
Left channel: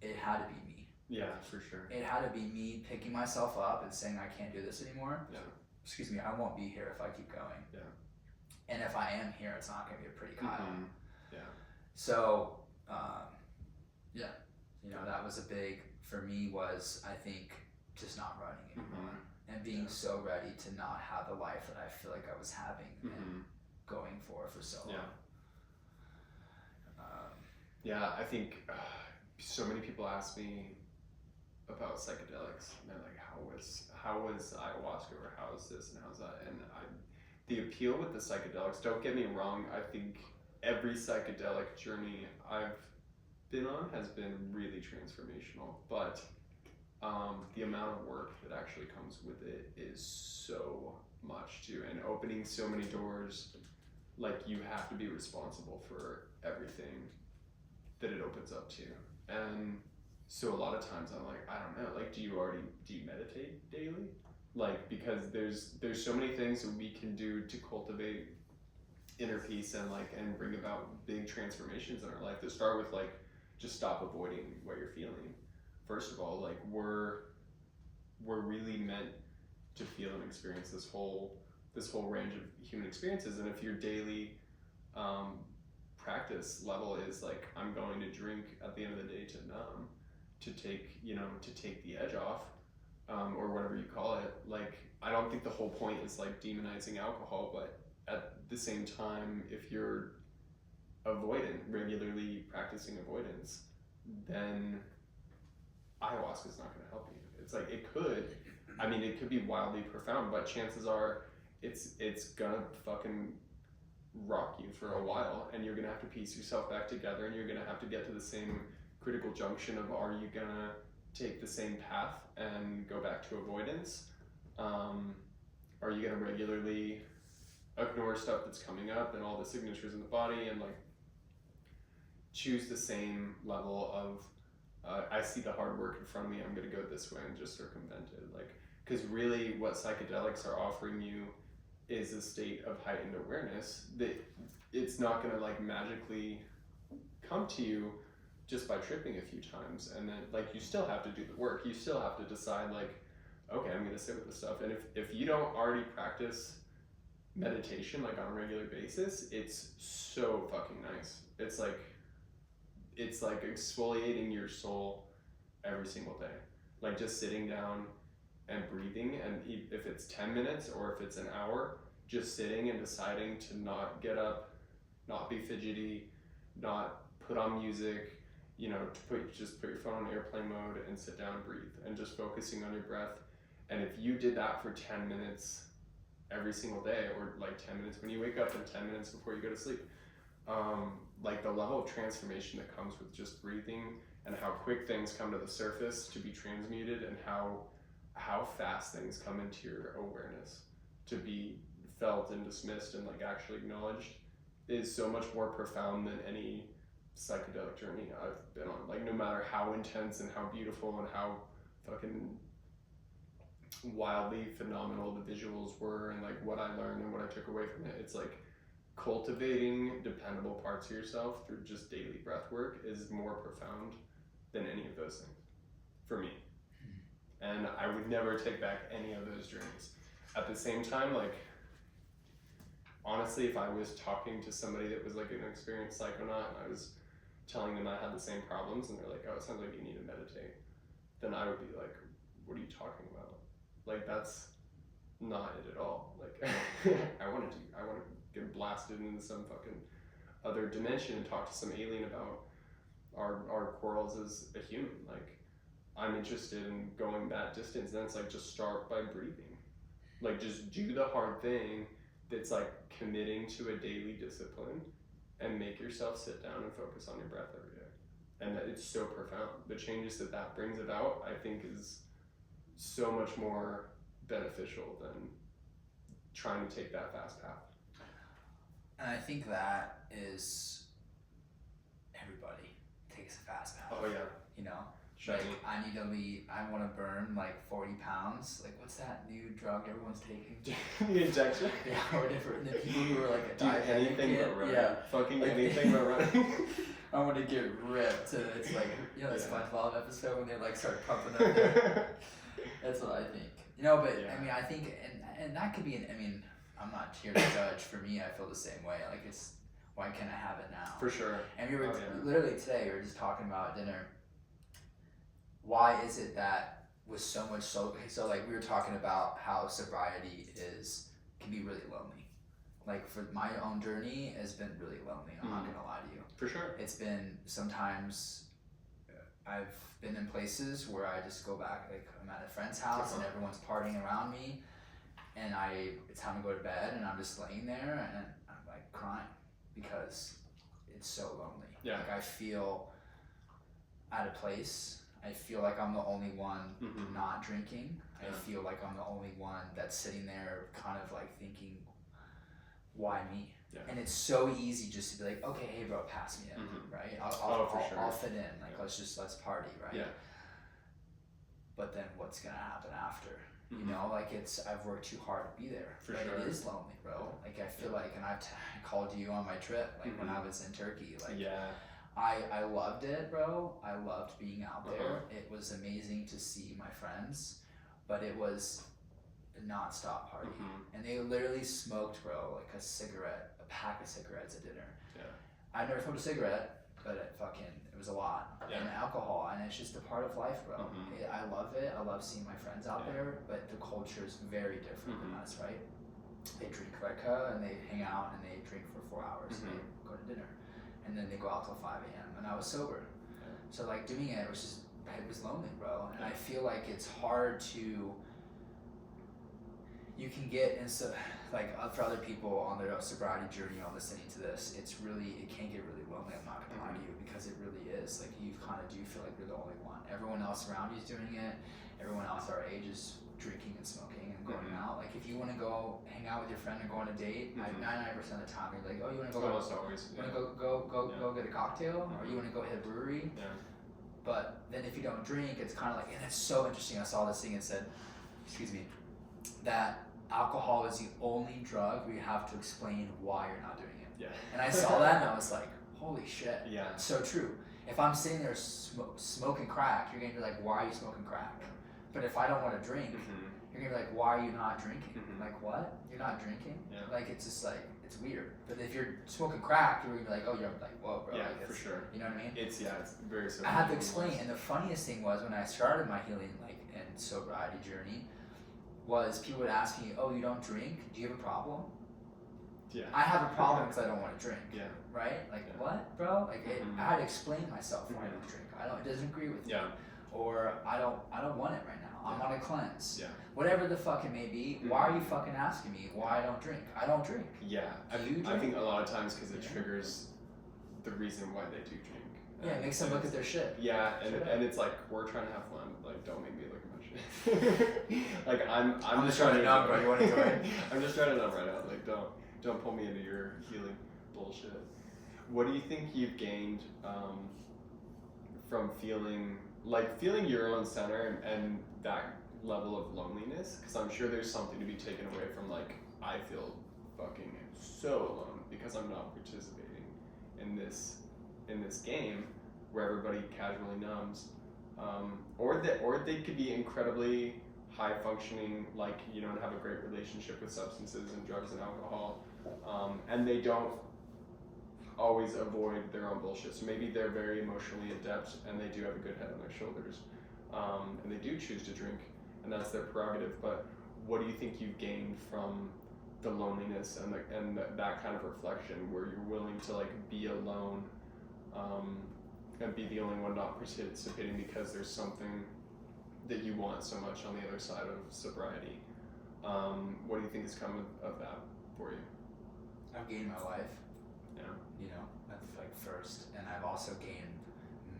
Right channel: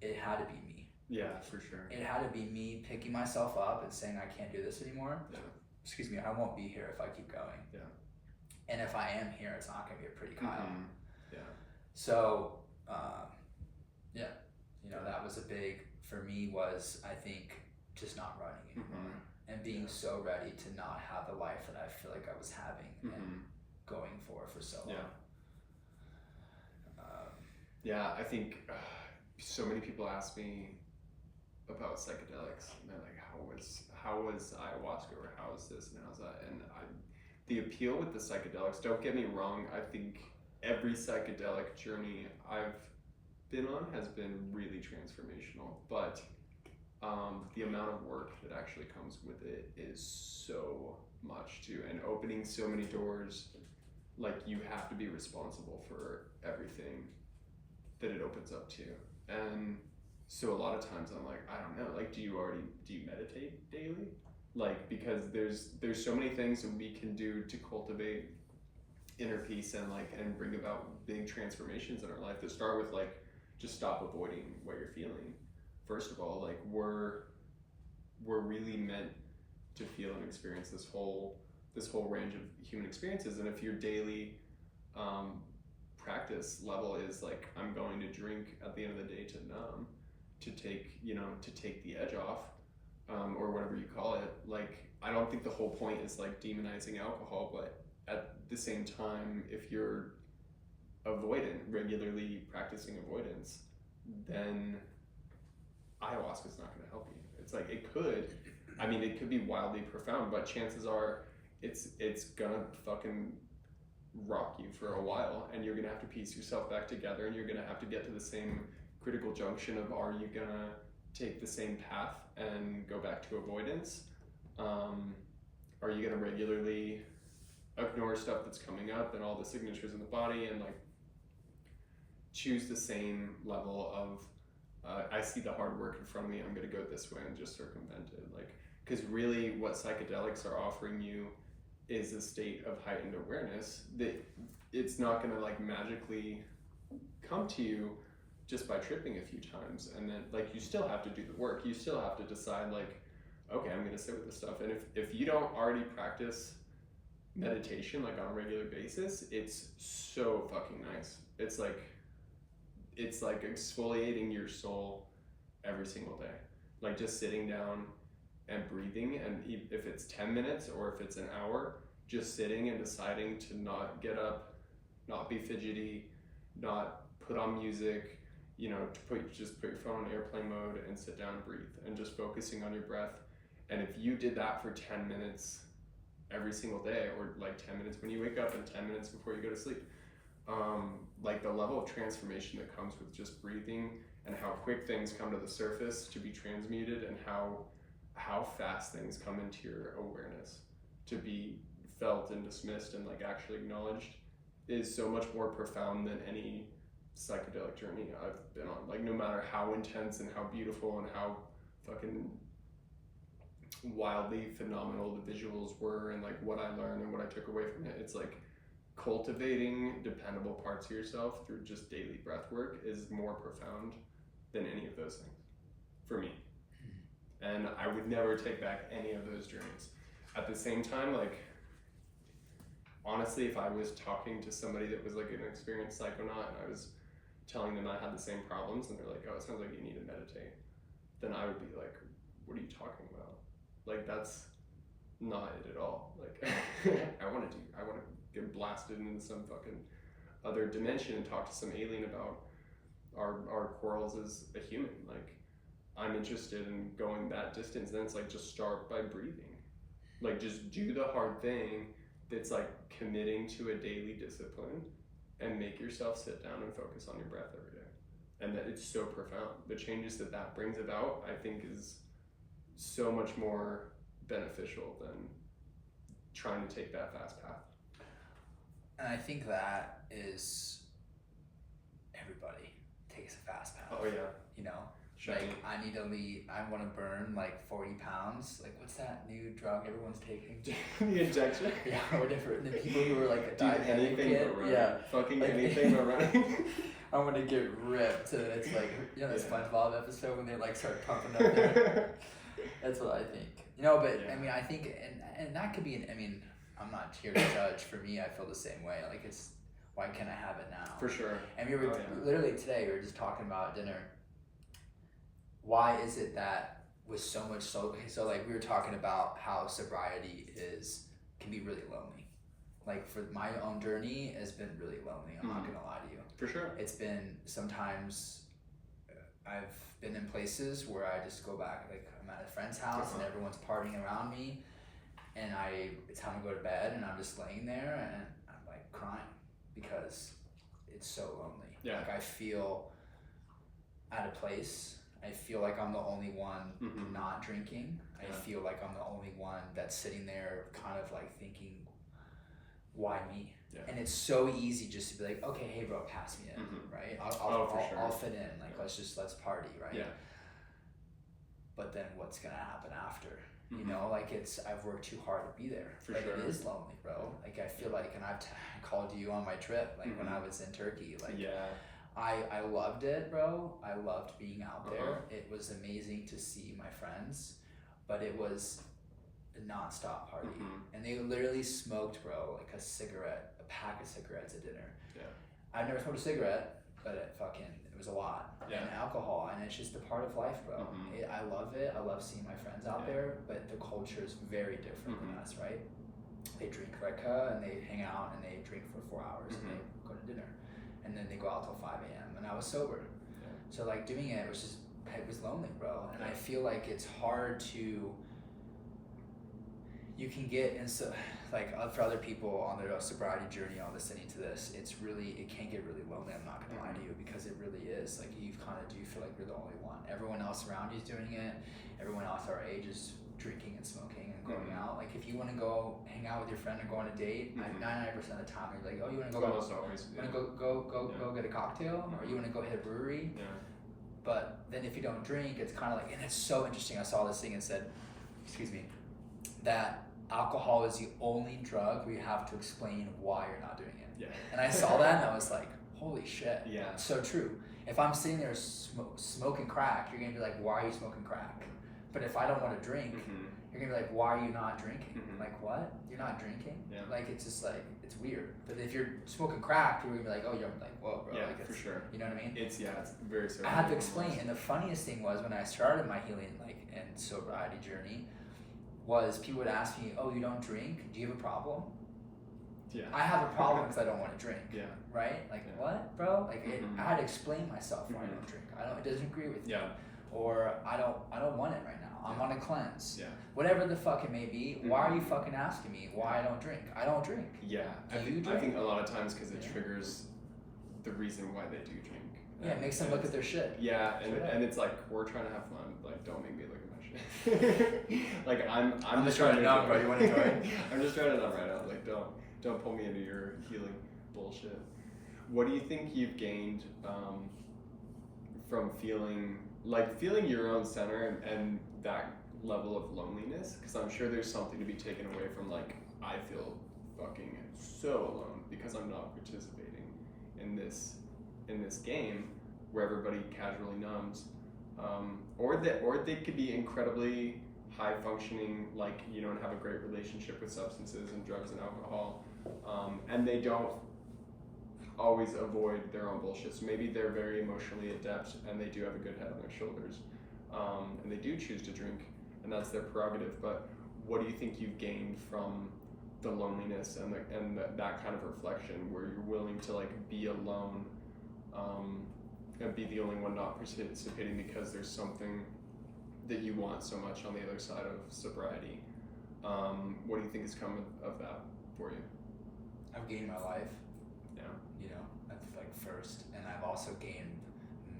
it had to be me. Yeah, for sure. It had to be me picking myself up and saying, I can't do this anymore. Yeah. Excuse me, I won't be here if I keep going. Yeah. And if I am here, it's not going to be a pretty Kyle. Yeah. So, that was a big, for me, was, I think, just not running anymore. And being so ready to not have the life that I feel like I was having and going for so long. Yeah, I think so many people ask me about psychedelics, and they're like, how was ayahuasca, or how is this and how's that? And the appeal with the psychedelics, don't get me wrong, I think every psychedelic journey I've been on has been really transformational, but the amount of work that actually comes with it is so much too, and opening so many doors. Like, you have to be responsible for everything that it opens up to, and So a lot of times I'm like, I don't know, like, do you meditate daily? Like, because there's so many things that we can do to cultivate inner peace and bring about big transformations in our life that start with like just stop avoiding what you're feeling. First of all, like we're really meant to feel and experience this whole range of human experiences, and if your daily practice level is like, I'm going to drink at the end of the day to numb, to take the edge off, or whatever you call it. Like, I don't think the whole point is like demonizing alcohol, but at the same time, if you're regularly practicing avoidance, then ayahuasca is not going to help you. It's like, it could be wildly profound, but chances are it's gonna fucking rock you for a while, and you're gonna have to piece yourself back together, and you're gonna have to get to the same critical junction of, are you gonna take the same path and go back to avoidance? Are you gonna regularly ignore stuff that's coming up and all the signatures in the body, and like choose the same level of I see the hard work in front of me, I'm gonna go this way and just circumvent it? Like, because really what psychedelics are offering you is a state of heightened awareness that it's not gonna like magically come to you just by tripping a few times, and then like you still have to do the work. You still have to decide like, okay, I'm gonna sit with this stuff. And if you don't already practice meditation like on a regular basis, it's so fucking nice. It's like exfoliating your soul every single day. Like just sitting down and breathing, and if it's 10 minutes or if it's an hour, just sitting and deciding to not get up, not be fidgety, not put on music, just put your phone on airplane mode and sit down and breathe, and just focusing on your breath. And if you did that for 10 minutes every single day, or like 10 minutes when you wake up and 10 minutes before you go to sleep, like the level of transformation that comes with just breathing, and how quick things come to the surface to be transmuted, and how fast things come into your awareness to be felt and dismissed and like actually acknowledged, is so much more profound than any psychedelic journey I've been on. Like, no matter how intense and how beautiful and how fucking wildly phenomenal the visuals were, and like what I learned and what I took away from it, it's like cultivating dependable parts of yourself through just daily breath work is more profound than any of those things for me. And I would never take back any of those journeys. At the same time, like, honestly, if I was talking to somebody that was like an experienced psychonaut and I was telling them I had the same problems, and they're like, oh, it sounds like you need to meditate, then I would be like, what are you talking about? Like, that's not it at all. Like, I want to get blasted into some fucking other dimension and talk to some alien about our quarrels as a human. Like, I'm interested in going that distance. Then it's like, just start by breathing. Like, just do the hard thing that's like committing to a daily discipline, and make yourself sit down and focus on your breath every day. And that it's so profound. The changes that brings about, I think, is so much more beneficial than trying to take that fast path. And I think that is, everybody takes a fast path. Oh yeah. Like, I want to burn like 40 pounds. Like, what's that new drug everyone's taking? The injection? Yeah, or different. The people who are like a Do diabetic anything kid. but running. Yeah. Fucking Like, anything but running. I'm gonna get ripped. And it's like, that Yeah. SpongeBob episode when they like start pumping up there. That's what I think. But Yeah. I mean, I think, and that could be I'm not here to judge. For me, I feel the same way. Like, it's, why can't I have it now? For sure. And we were literally today, we were just talking about at dinner. Why is it that with so much so like we were talking about how sobriety can be really lonely. Like, for my own journey has been really lonely. I'm not gonna lie to you. For sure. It's been, sometimes I've been in places where I just go back, like I'm at a friend's house and everyone's partying around me, and it's time to go to bed, and I'm just laying there and I'm like crying because it's so lonely. Yeah. Like, I feel at a place, I feel like I'm the only one not drinking. I feel like I'm the only one that's sitting there kind of like thinking, why me? Yeah. And it's so easy just to be like, okay, hey bro, pass me in, right? I'll fit in. Like let's party, right? Yeah. But then what's gonna happen after? You Mm-hmm. know, like I've worked too hard to be there. For but sure. It is lonely, bro. Like I feel like, and I called you on my trip, like when I was in Turkey. Like I loved it, bro. I loved being out there. It was amazing to see my friends, but it was a non-stop party, and they literally smoked, bro, like a pack of cigarettes at dinner. Yeah. I've never smoked a cigarette, but it was a lot. Yeah. And alcohol, and it's just a part of life, bro. I love it. I love seeing my friends out there, but the culture is very different than us, right? They drink vodka and they hang out and they drink for 4 hours and they go to dinner, and then they go out till 5 a.m. and I was sober. So like doing it was lonely, bro. And I feel like it's hard to, you can get into, like for other people on their sobriety journey or listening to this, it can get really lonely, I'm not gonna lie to you, because it really is. Like you kind of do feel like you're the only one. Everyone else around you is doing it. Everyone else our age is drinking and smoking and going out. Like if you want to go hang out with your friend or go on a date, 99% of the time you're like, oh, you want to go go get a cocktail, or you want to go hit a brewery. But then if you don't drink, it's kind of like, and it's so interesting. I saw this thing and said, excuse me, that alcohol is the only drug where you have to explain why you're not doing it. Yeah. And I saw that and I was like, holy shit. Yeah. So true. If I'm sitting there smoking crack, you're gonna be like, why are you smoking crack? But if I don't want to drink, you're gonna be like, why are you not drinking? Like, what? You're not drinking? Yeah. Like, it's just like, it's weird. But if you're smoking crack, you're gonna be like, oh, you're like, whoa, bro. Yeah, like, for sure. You know what I mean? It's very certain. I had to explain. And the funniest thing was when I started my healing, like, and sobriety journey, was people would ask me, oh, you don't drink? Do you have a problem? Yeah. I have a problem because I don't want to drink. Yeah. Right? Like, what, bro? Like, I had to explain myself why I don't drink. It doesn't agree with me. Yeah. Or I don't want it right now. I'm on a cleanse. Yeah. Whatever the fuck it may be, why are you fucking asking me why I don't drink? I don't drink. Yeah. Do you drink? I think a lot of times because it triggers the reason why they do drink. Yeah, it makes them look at their shit. Yeah, and it's like, we're trying to have fun. Like, don't make me look at my shit. Like, I'm just trying to numb, bro. You want to join? I'm just trying to numb right now. Like, don't pull me into your healing bullshit. What do you think you've gained from feeling your own center and that level of loneliness? Because I'm sure there's something to be taken away from, like, I feel fucking so alone because I'm not participating in this game where everybody casually numbs, or they could be incredibly high functioning, like, you know, and have a great relationship with substances and drugs and alcohol, and they don't always avoid their own bullshit. So maybe they're very emotionally adept and they do have a good head on their shoulders, and they do choose to drink, and that's their prerogative. But what do you think you've gained from the loneliness and that kind of reflection, where you're willing to, like, be alone, and be the only one not participating because there's something that you want so much on the other side of sobriety? What do you think has come of that for you? I've gained my life. Yeah. You know, that's like first, and I've also gained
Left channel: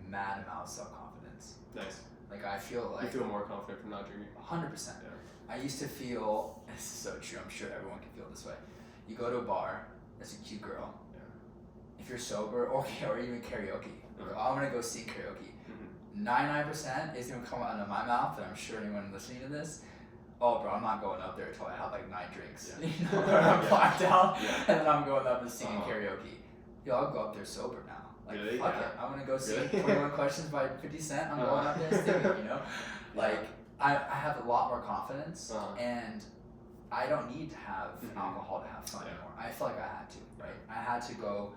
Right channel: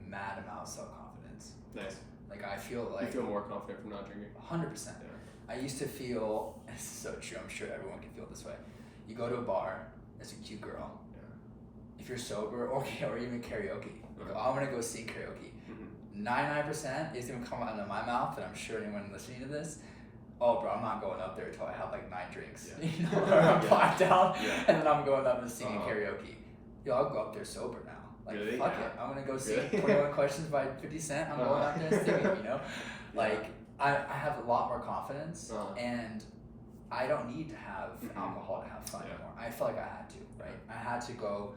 mad amount of self-confidence. Nice. Like I feel like you feel more confident from not drinking. 100%. Yeah. I used to feel, this is so true, I'm sure everyone can feel this way. You go to a bar, there's a cute girl. If you're sober, or even karaoke, you go, oh, I'm gonna go sing karaoke. 99% isn't gonna come out of my mouth, and I'm sure anyone listening to this, oh bro, I'm not going up there until I have like 9 drinks. Yeah. You know, or I'm blacked out, Yeah. and then I'm going up and singing karaoke. Yo, I'll go up there sober now. Like, really? fuck it, I'm gonna go sing 21 Questions by 50 Cent, I'm going up there and singing, you know? Like, I have a lot more confidence, and I don't need to have alcohol to have fun anymore. I felt like I had to, right? I had to go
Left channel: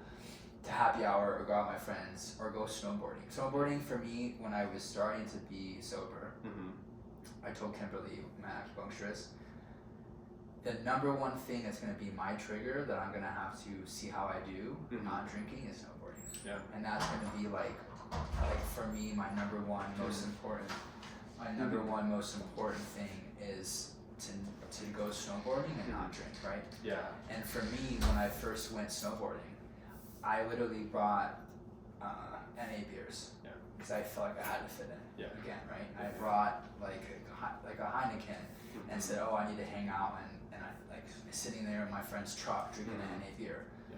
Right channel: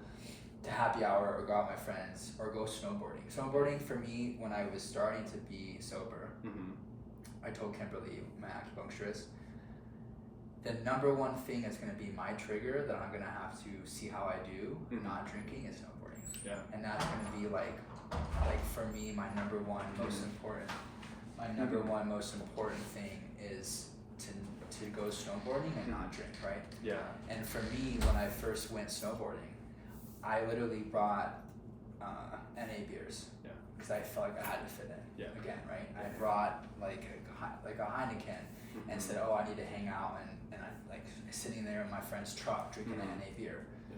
to happy hour or go out with my friends or go snowboarding. Snowboarding for me, when I was starting to be sober, I told Kimberly, my acupuncturist, the number one thing that's going to be my trigger that I'm going to have to see how I do not drinking is snowboarding. Yeah. And that's going to be like for me, my number one most important thing is to go snowboarding and not drink, right? Yeah. And for me, when I first went snowboarding, I literally brought NA beers because I felt like I had to fit in again, right? I brought like a Heineken and said, oh, I need to hang out, and I sitting there in my friend's truck drinking an NA beer. Yeah.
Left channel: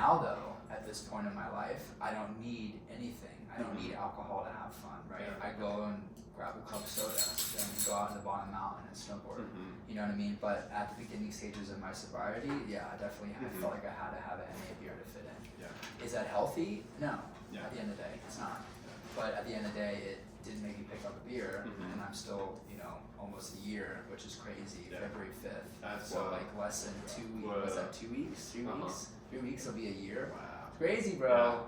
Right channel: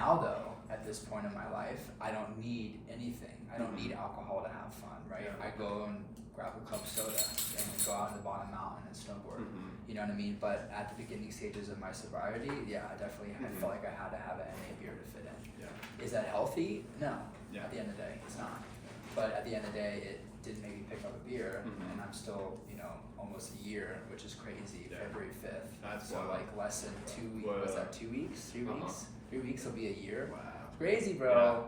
Now though, at this point in my life, I don't need anything. I don't need alcohol to have fun, right? Yeah. I go and grab a club soda and then go out to the bottom mountain and snowboard. Mm-hmm. You know what I mean? But at the beginning stages of my sobriety, yeah, I definitely I Mhm. felt like I had to have an NA beer to fit in. Yeah. Is that healthy? No. Yeah. At the end of the day, it's not. But at the end of the day, it didn't make me pick up a beer, Mhm. and I'm still, almost a year, which is crazy. Yeah. February 5th. That's so like less than 2 weeks. What's that? 2 weeks? 3 Uh-huh. weeks? 3 weeks will be a year. Wow. It's crazy, bro.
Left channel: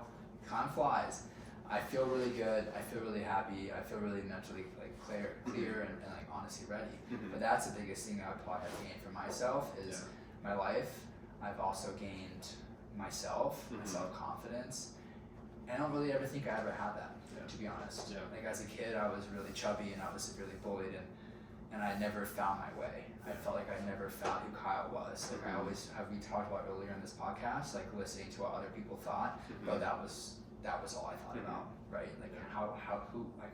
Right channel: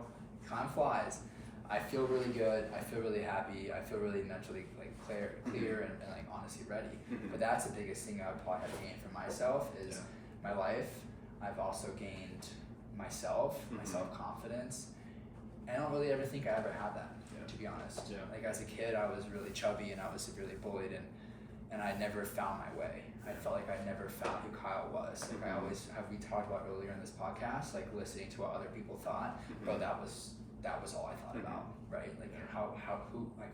Time flies. I feel really good. I feel really happy. I feel really mentally clear and like honestly ready. Mhm. But that's the biggest thing I would probably have gained for myself is my life. I've also gained myself, my Mhm. self-confidence. And I don't really ever think I ever had that, to be honest. Yeah. Like as a kid, I was really chubby and I was severely bullied, and I never found my way. I felt like I never found who Kyle was. Like I Mhm. always have, we talked about earlier in this podcast, like listening to what other people thought, bro, that was all I thought Mhm. about, right? Like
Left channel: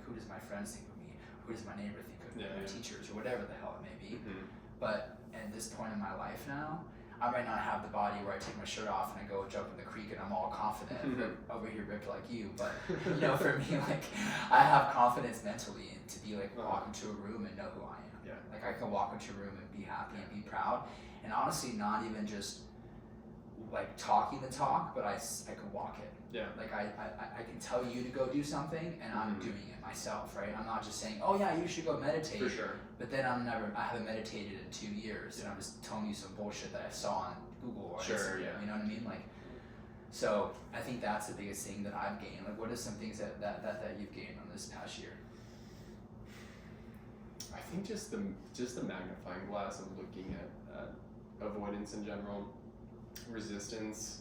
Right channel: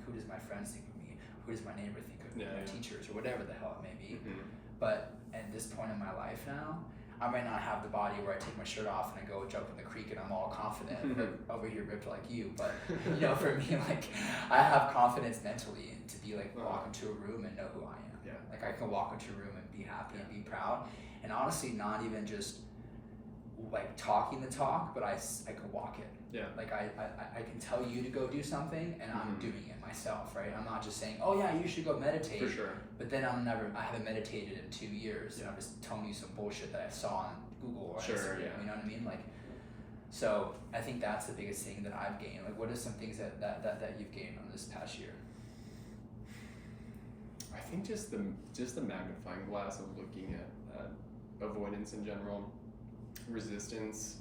who does my friends think of me? Who does my neighbor think of me? Yeah, My yeah. teachers or whatever the hell it may be. Mhm. But at this point in my life now, I might not have the body where I take my shirt off and I go jump in the creek and I'm all confident over here ripped like you. But for me, like I have confidence mentally and to be like walk into a room and know who I am. Yeah. Like I can walk into a room and be happy and be proud, and honestly, not even just like talking the talk, but I can walk it. Yeah. Like I can tell you to go do something and I'm Mhm. doing it myself, right? I'm not just saying, oh yeah, you should go meditate. For sure. But then I haven't meditated in 2 years, and I'm just telling you some bullshit that I saw on Google or Sure, Instagram. yeah. You know what I mean? Like, so I think that's the biggest thing that I've gained. Like, what are some things that you've gained on this past year? I think just the magnifying glass of looking at avoidance in general, resistance,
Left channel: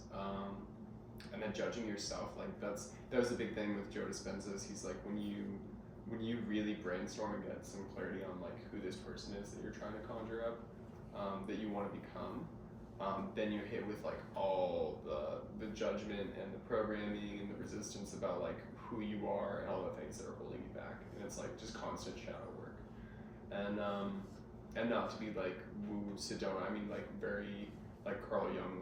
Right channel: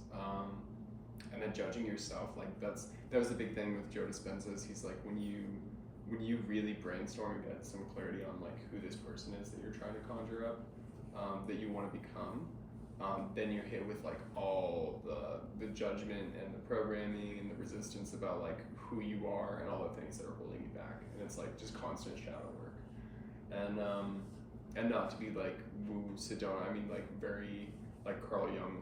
and then judging yourself. Like that was the big thing with Joe Dispenza's. He's like when you really brainstorm and get some clarity on like who this person is that you're trying to conjure up, that you want to become, then you're hit with like all the judgment and the programming and the resistance about like who you are and all the things that are holding you back, and it's like just constant shadow work, and not to be like woo Sedona. I mean like very like Carl Jung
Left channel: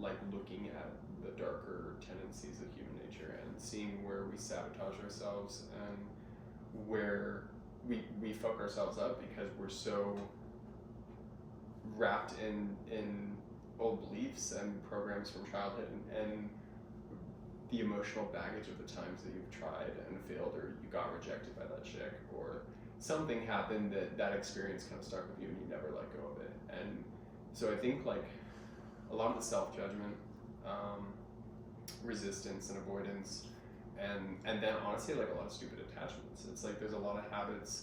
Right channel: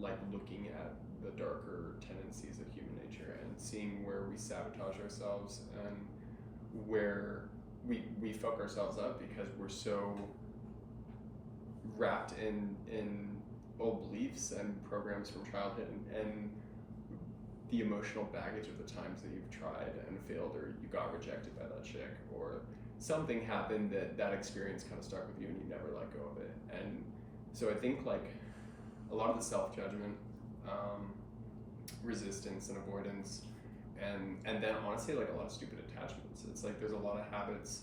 like looking at the darker tendencies of human nature and seeing where we sabotage ourselves and where we fuck ourselves up because we're so wrapped in old beliefs and programs from childhood and the emotional baggage of the times that you've tried and failed, or you got rejected by that chick, or something happened that experience kind of stuck with you and you never let go of it. And so I think like a lot of the self-judgment, resistance and avoidance, and then honestly like a lot of stupid attachments. It's like there's a lot of habits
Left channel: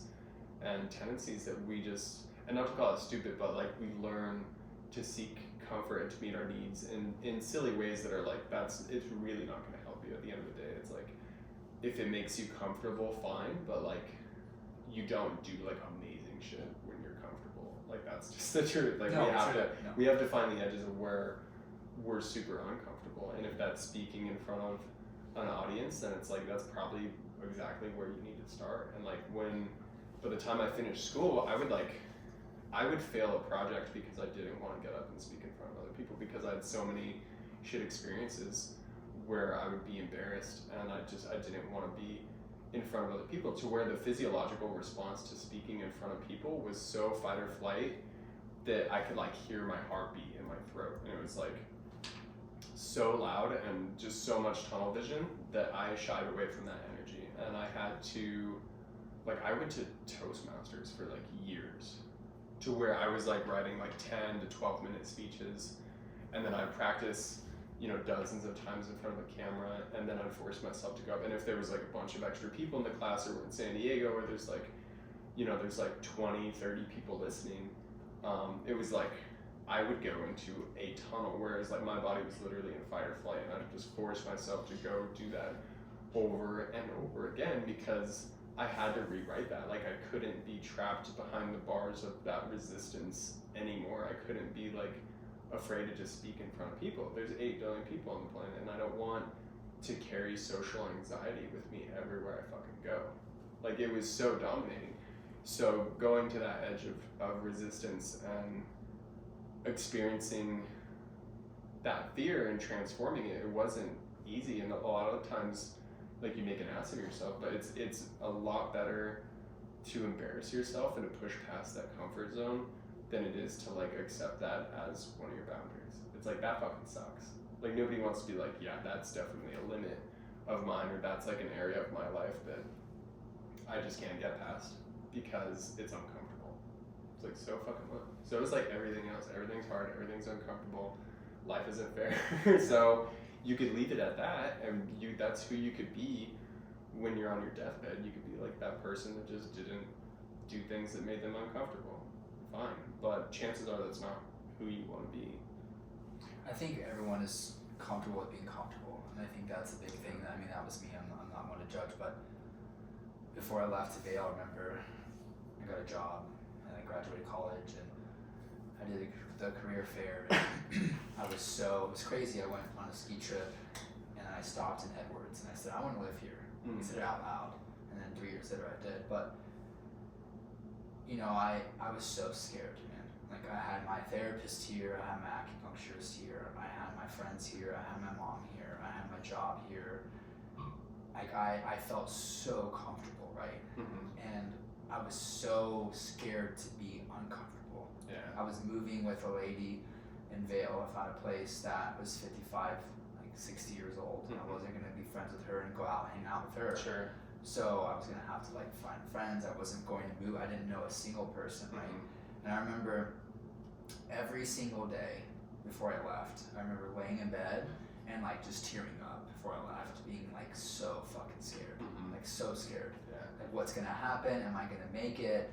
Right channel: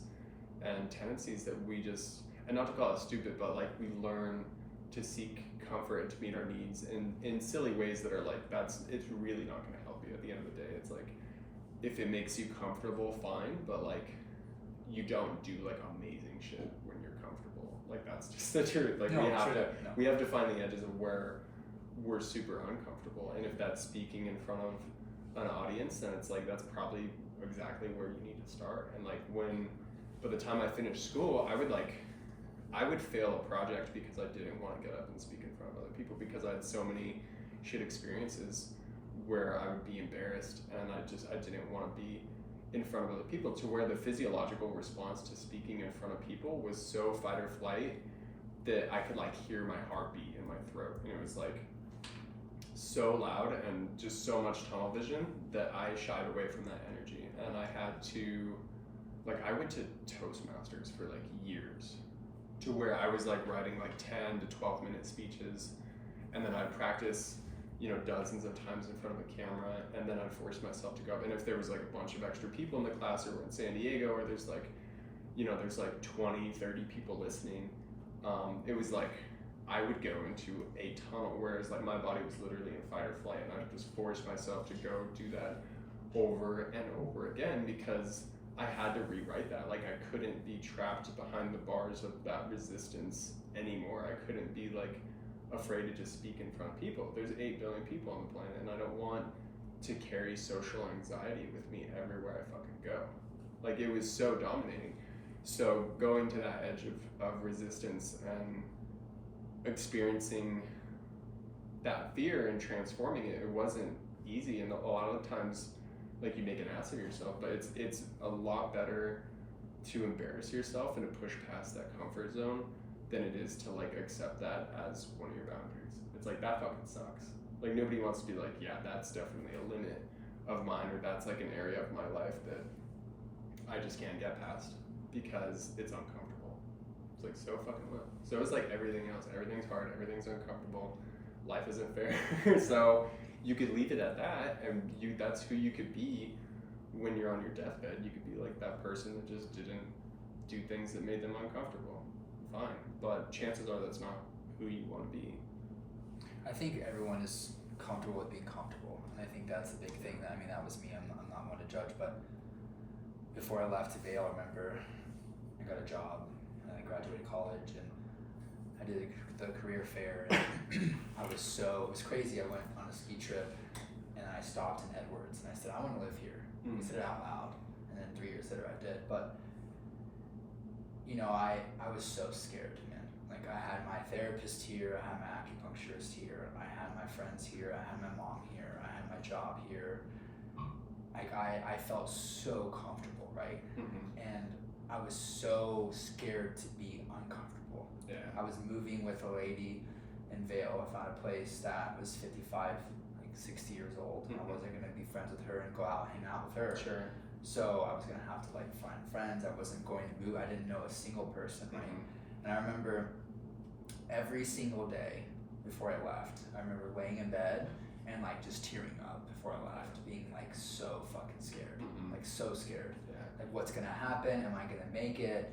and tendencies that we just, and not to call it stupid, but like we learn to seek comfort and to meet our needs in silly ways that are like it's really not going to help you at the end of the day. It's like if it makes you comfortable, fine, but like you don't do like amazing shit when you're comfortable. Like that's just the truth. Like we have to find the edges of where we're super uncomfortable, and if that's speaking in front of an audience, then it's like that's probably exactly where you need to start. And like by the time I finished school, I would fail a project because I didn't want to get up and speak in front of other people because I had so many shit experiences where I would be embarrassed and I didn't want to be in front of other people, to where the physiological response to speaking in front of people was so fight or flight that I could like hear my heartbeat in my throat, and it was like so loud and just so much tunnel vision that I shied away from that energy. And I had to, like, I went to Toastmasters for like years, to where I was like writing like 10 to 12 minute speeches, and then I'd practice, dozens of times in front of a camera, and then I'd force myself to go up. And if there was like a bunch of extra people in the class, or we're in San Diego, or there's like, there's like 20, 30 people listening, it was like I would go into a tunnel, whereas like my body was literally in fight or flight, and I'd just force myself to go do that over and over again because I had to rewrite that. Like I couldn't be trapped behind the bars of that resistance anymore. I couldn't be like afraid to just speak in front of people. There's 8 billion people on the planet, and I don't want to carry social anxiety with me everywhere I fucking go. Like it was so dominating. So going to that edge of resistance experiencing that fear and transforming it, it wasn't easy, and a lot of times, like, you make an ass of yourself. But it's a lot better to embarrass yourself and to push past that comfort zone than it is to like accept that as one of your boundaries. It's like, that fucking sucks. Like, nobody wants to be like, yeah, that's definitely a limit of mine, or that's like an area of my life that I just can't get past because it's uncomfortable. It's like, so fucking what? So it's like everything else. Everything's hard. Everything's uncomfortable. Life isn't fair. So you could leave it at that, and that's who you could be when you're on your deathbed. You could be like that person that just didn't do things that made them uncomfortable. Fine. But chances are that's not who you want to be. I think everyone is comfortable with being comfortable, and I think that's the big thing. That that was me. I'm not one to judge, but before I left Vail, I remember I got a job and I graduated college, and I did the career fair, and it was crazy. I went on a ski trip and I stopped in Edwards and I said, I want to live here. I said it out loud, and then 3 years later I did. But I was so scared, man. Like, I had my therapist here, I had my acupuncturist here, I had my friends here, I had my mom here, I had my job here. Like, I felt so comfortable, right? And I was so scared to be uncomfortable. Yeah. I was moving with a lady in Vail. I found a place that was 55, like 60 years old. I wasn't gonna be friends with her and go out hang out with her. Sure. So I was gonna have to like find friends. I wasn't going to move. I didn't know a single person, right? And I remember every single day before I left, I remember laying in bed and like just tearing up before I left, being like so fucking scared, like so scared. Yeah. Like, what's gonna happen? Am I gonna make it?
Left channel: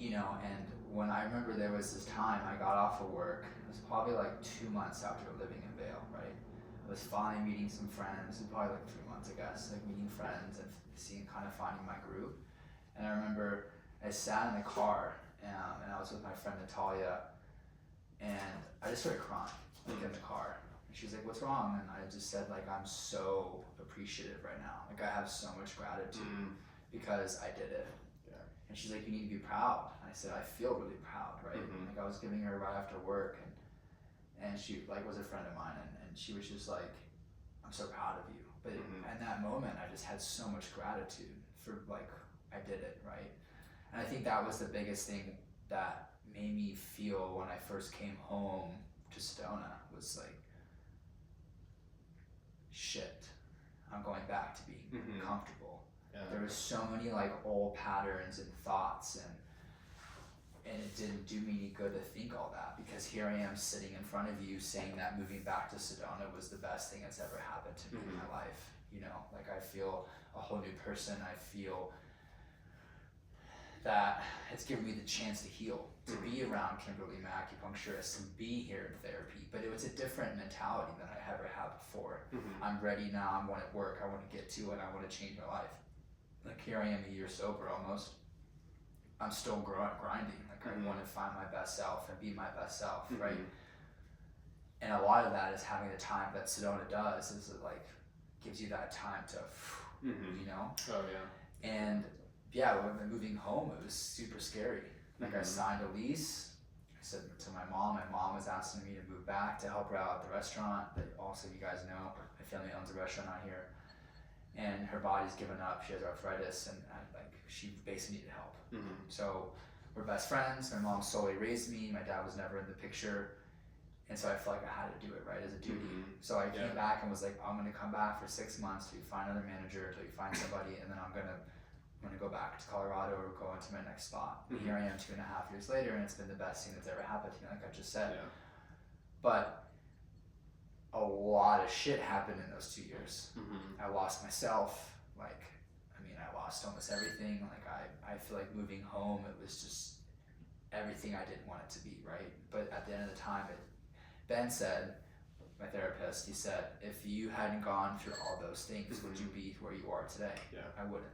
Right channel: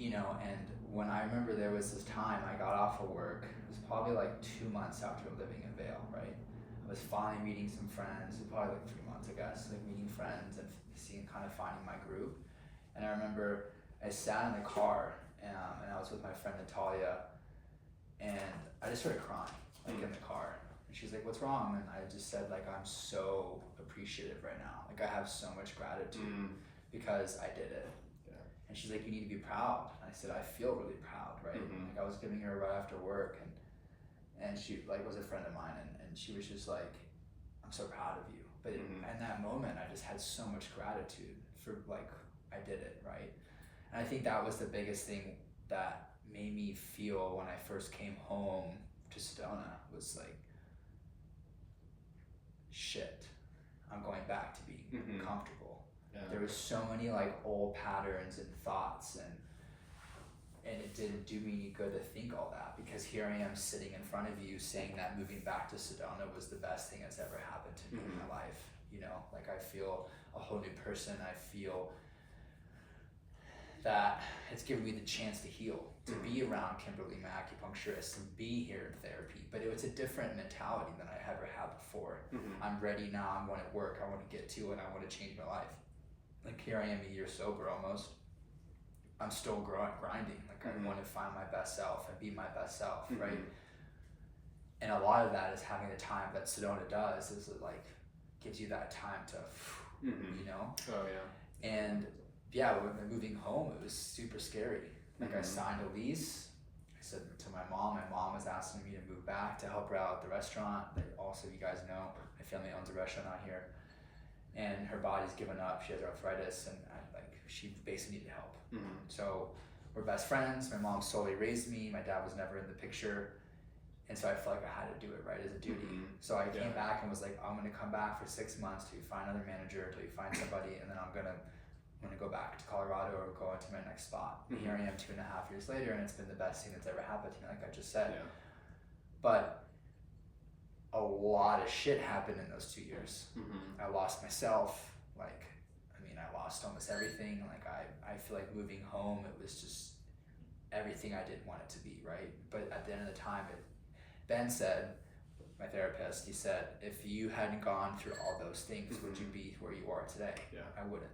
And when I remember there was this time I got off of work, it was probably like 2 months after living in Vail, right? I was finally meeting some friends, it was probably like 3 months, I guess, like meeting friends and finding my group. And I remember I sat in the car and I was with my friend Natalia, and I just started crying, like in the car. And she was like, what's wrong? And I just said, like, I'm so appreciative right now. Like, I have so much gratitude because I did it. Yeah. And she's like, you need to be proud. And I said, I feel really proud, right? Like, I was giving her right after work, and she like was a friend of mine, and she was just like, I'm so proud of you. But in that moment, I just had so much gratitude for, like, I did it, right? And I think that was the biggest thing that made me feel when I first came home to Sedona, was like, shit, I'm going back to being comfortable. Yeah. There was so many like old patterns and thoughts, and it didn't do me any good to think all that, because here I am sitting in front of you saying that moving back to Sedona was the best thing that's ever happened to me in my life. Like, I feel a whole new person. I feel that it's given me the chance to heal, to be around Kimberly, my acupuncturist, and be here in therapy. But it was a different mentality than I ever had before. I'm ready now. I want to work. I want to get to it. I want to change my life. Like, here I am a year sober almost. I'm still grinding. Like, I want to find my best self and be my best self, right? And a lot of that is having the time that Sedona does, is it like gives you that time to, Oh yeah. And yeah, when moving home, it was super scary. Like, I signed a lease. I said to my mom was asking me to move back to help her out at the restaurant. But also, you guys know, my family owns a restaurant out here, and her body's given up. She has arthritis, and she basically needed help. So we're best friends. My mom solely raised me. My dad was never in the picture. And so I felt like I had to do it, right, as a duty. So I came back and was like, I'm gonna come back for 6 months till you find another manager, till you find somebody, and then I'm gonna go back to Colorado or go into my next spot. And here I am 2.5 years later, and it's been the best thing that's ever happened to me, like I just said. Yeah. But a lot of shit happened in those 2 years. I lost myself. I lost almost everything. Like, I feel like moving home, it was just everything I didn't want it to be, right? But at the end of the time, Ben said, my therapist, he said, if you hadn't gone through all those things, would you be where you are today? Yeah. I wouldn't.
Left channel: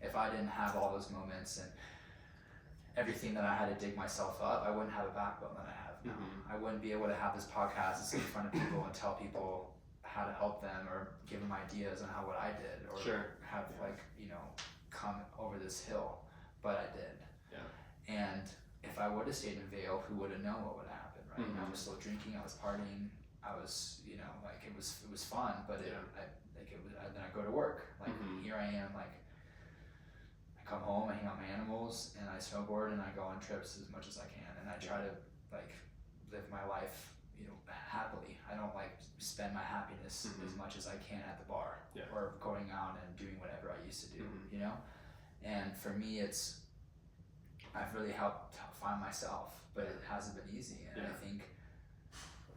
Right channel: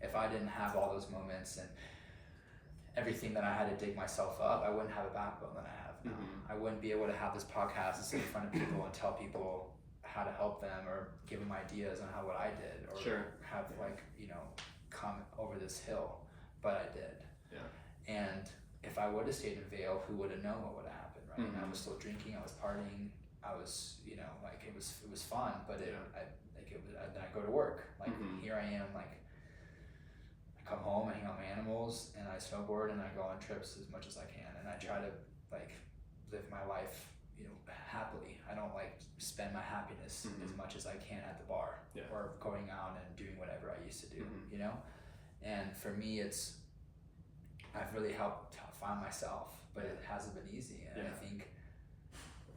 If I didn't have all those moments and everything that I had to dig myself up, I wouldn't have a backbone that I have now. I wouldn't be able to have this podcast and sit in front of people and tell people how to help them, or give them ideas on what I did, or have come over this hill. But I did. Yeah. And if I would have stayed in Vail, who would have known what would have happened, right? I Mhm. was still drinking, I was partying, I was, you know, like it was fun, but Yeah. then I go to work, like Mhm. here I am, like I come home, I hang out with my animals, and I snowboard, and I go on trips as much as I can, and I try to like live my life, you know, happily. I don't like spend my happiness Mhm. as much as I can at the bar Yeah. or going out and doing whatever I used to do, Mhm. you know. And for me, I've really helped find myself, but it hasn't been easy, and Yeah.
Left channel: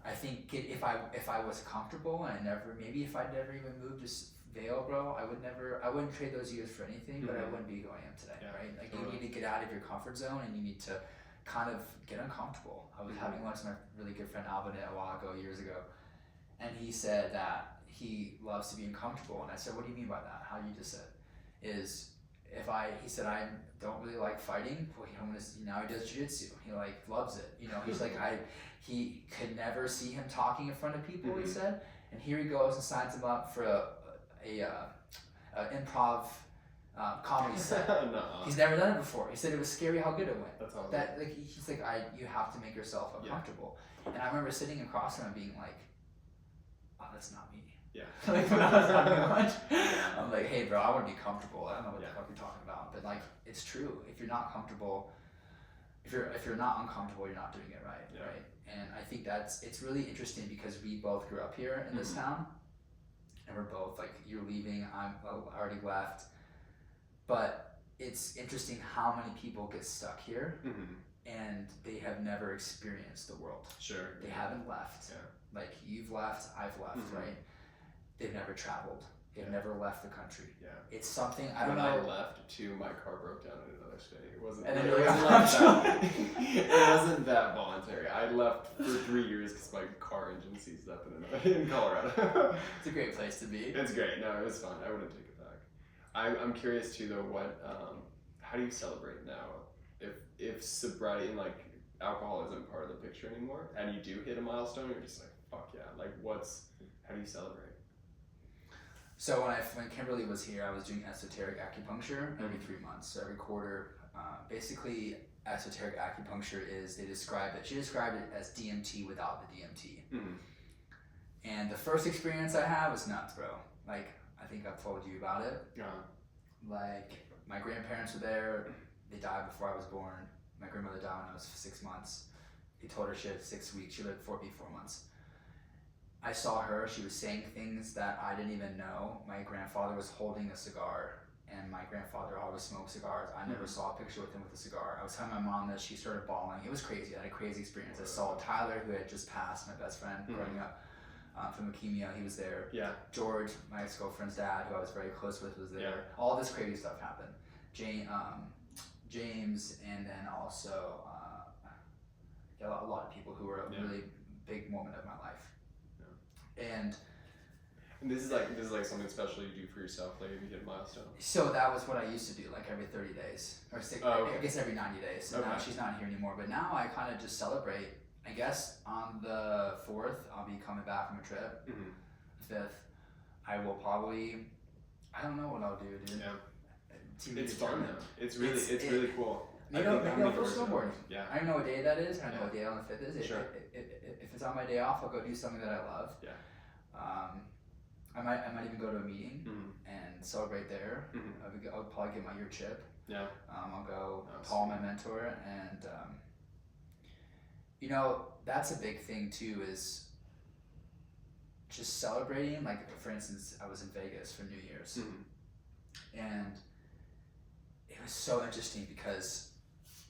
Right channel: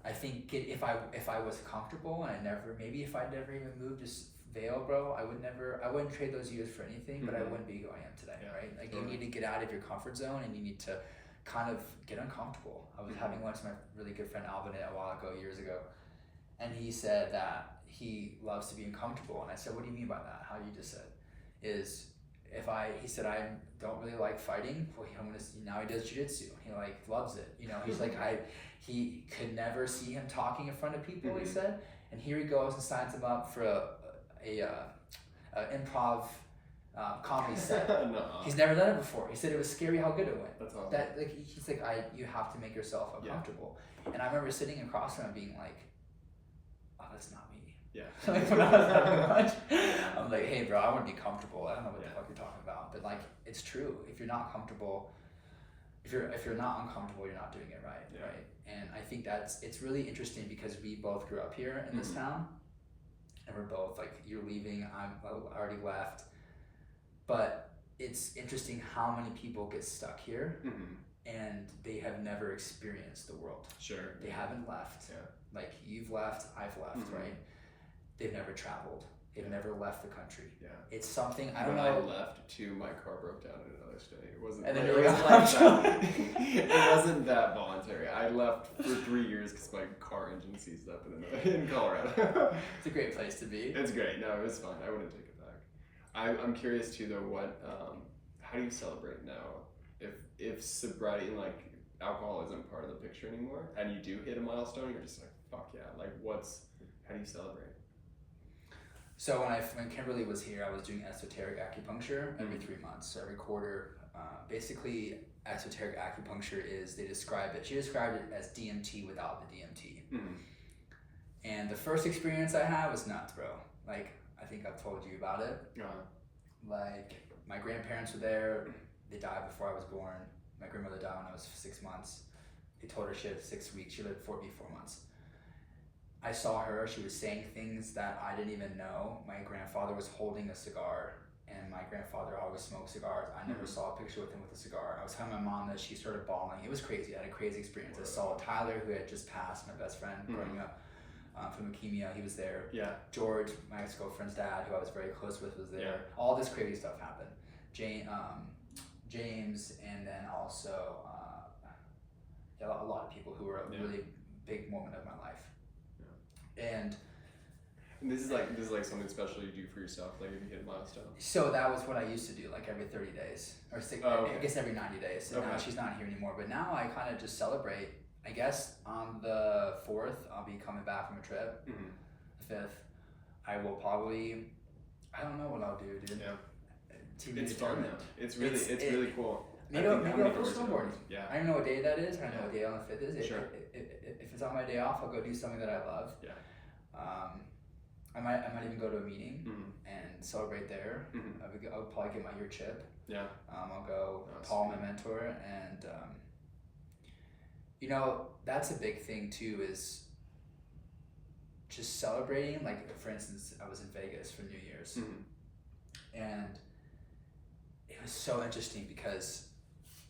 I think if I was comfortable and if I never even moved to Vail, bro, I wouldn't trade those years for anything, but I Mhm. wouldn't be who I am today, Yeah, right? Like totally. you need to get out of your comfort zone and you need to kind of get uncomfortable. I was Mhm. having lunch with my really good friend Alvin a while ago, years ago, and he said that he loves to be uncomfortable, and I said, what do you mean by that? How you just said is he said, I don't really like fighting. Well, now he does jiu-jitsu. He like loves it. You know, he's like, he could never see him talking in front of people, he Mhm. said. And here he goes and signs him up for a improv comedy set. Nuh-uh. He's never done it before. He said it was scary how good it went. That's awesome. That like he's like, you have to make yourself uncomfortable. And I remember sitting across from him being like, oh, that's not me. Yeah. Like when I was having lunch, I'm like, hey, bro, I want to be comfortable. I don't know what the Yeah. fuck you're talking about, but like, it's true. If you're not comfortable, if you're not uncomfortable, you're not doing it right, Yeah. right? And I think it's really interesting because we both grew up here in this Mhm. town, and we're both like, you're leaving, I already left, but it's interesting how many people get stuck here Mhm. and they have never experienced the world. Sure. They haven't left. Yeah. Like you've left, I've left, Mhm. right? They've never traveled. They've never left the country. Yeah. It's something I don't when know. I left too, my car broke down in another state. It wasn't. And then it you're wasn't like, like that. It wasn't that voluntary. I left for 3 years because my car engine seized up in Colorado. It's a great place to be. It's great. No, it was fun. I wouldn't take it back. I'm curious too though. How do you celebrate now? If sobriety and like alcohol isn't part of the picture anymore, and you do hit a milestone, you're just like, fuck yeah. Like how do you celebrate? So when Kimberly was here, I was doing esoteric acupuncture every 3 months. So every quarter, basically esoteric acupuncture she described it as DMT without the DMT. Mm-hmm. And the first experience I had was nuts, bro. Like, I think I've told you about it. Like, my grandparents were there. They died before I was born. My grandmother died when I was 6 months. They told her she had 6 weeks. She lived 4 months. I saw her. She was saying things that I didn't even know. My grandfather was holding a cigar, and my grandfather always smoked cigars. I never saw a picture with him with a cigar. I was telling my mom that she started bawling. It was crazy. I had a crazy experience. I saw Tyler, who had just passed, my best friend growing up from leukemia. He was there. Yeah. George, my ex-girlfriend's dad, who I was very close with, was there. Yeah. All this crazy stuff happened. James, and then also a lot of people who were a really big moment of my life. And this is like something special you do for yourself, like if you hit a milestone. so that was what I used to do, like every 30 days, or I guess every 90 days. And now she's not here anymore, but now I kind of just celebrate. I guess on the 4th, I'll be coming back from a trip. Mm-hmm. The 5th, I will probably, I don't know what I'll do, dude. Yeah. It's fun though. It's really cool. Maybe I'll go snowboarding. Yeah. I don't know what day that is. I don't know what day on the 5th is. Sure. If it's on my day off, I'll go do something that I love. Yeah. I might even go to a meeting and celebrate there. Mm-hmm. I'll probably get my year chip. Yeah. I'll go. Paul, my mentor, and that's a big thing too. Is just celebrating. Like for instance, I was in Vegas for New Year's, and it was so interesting because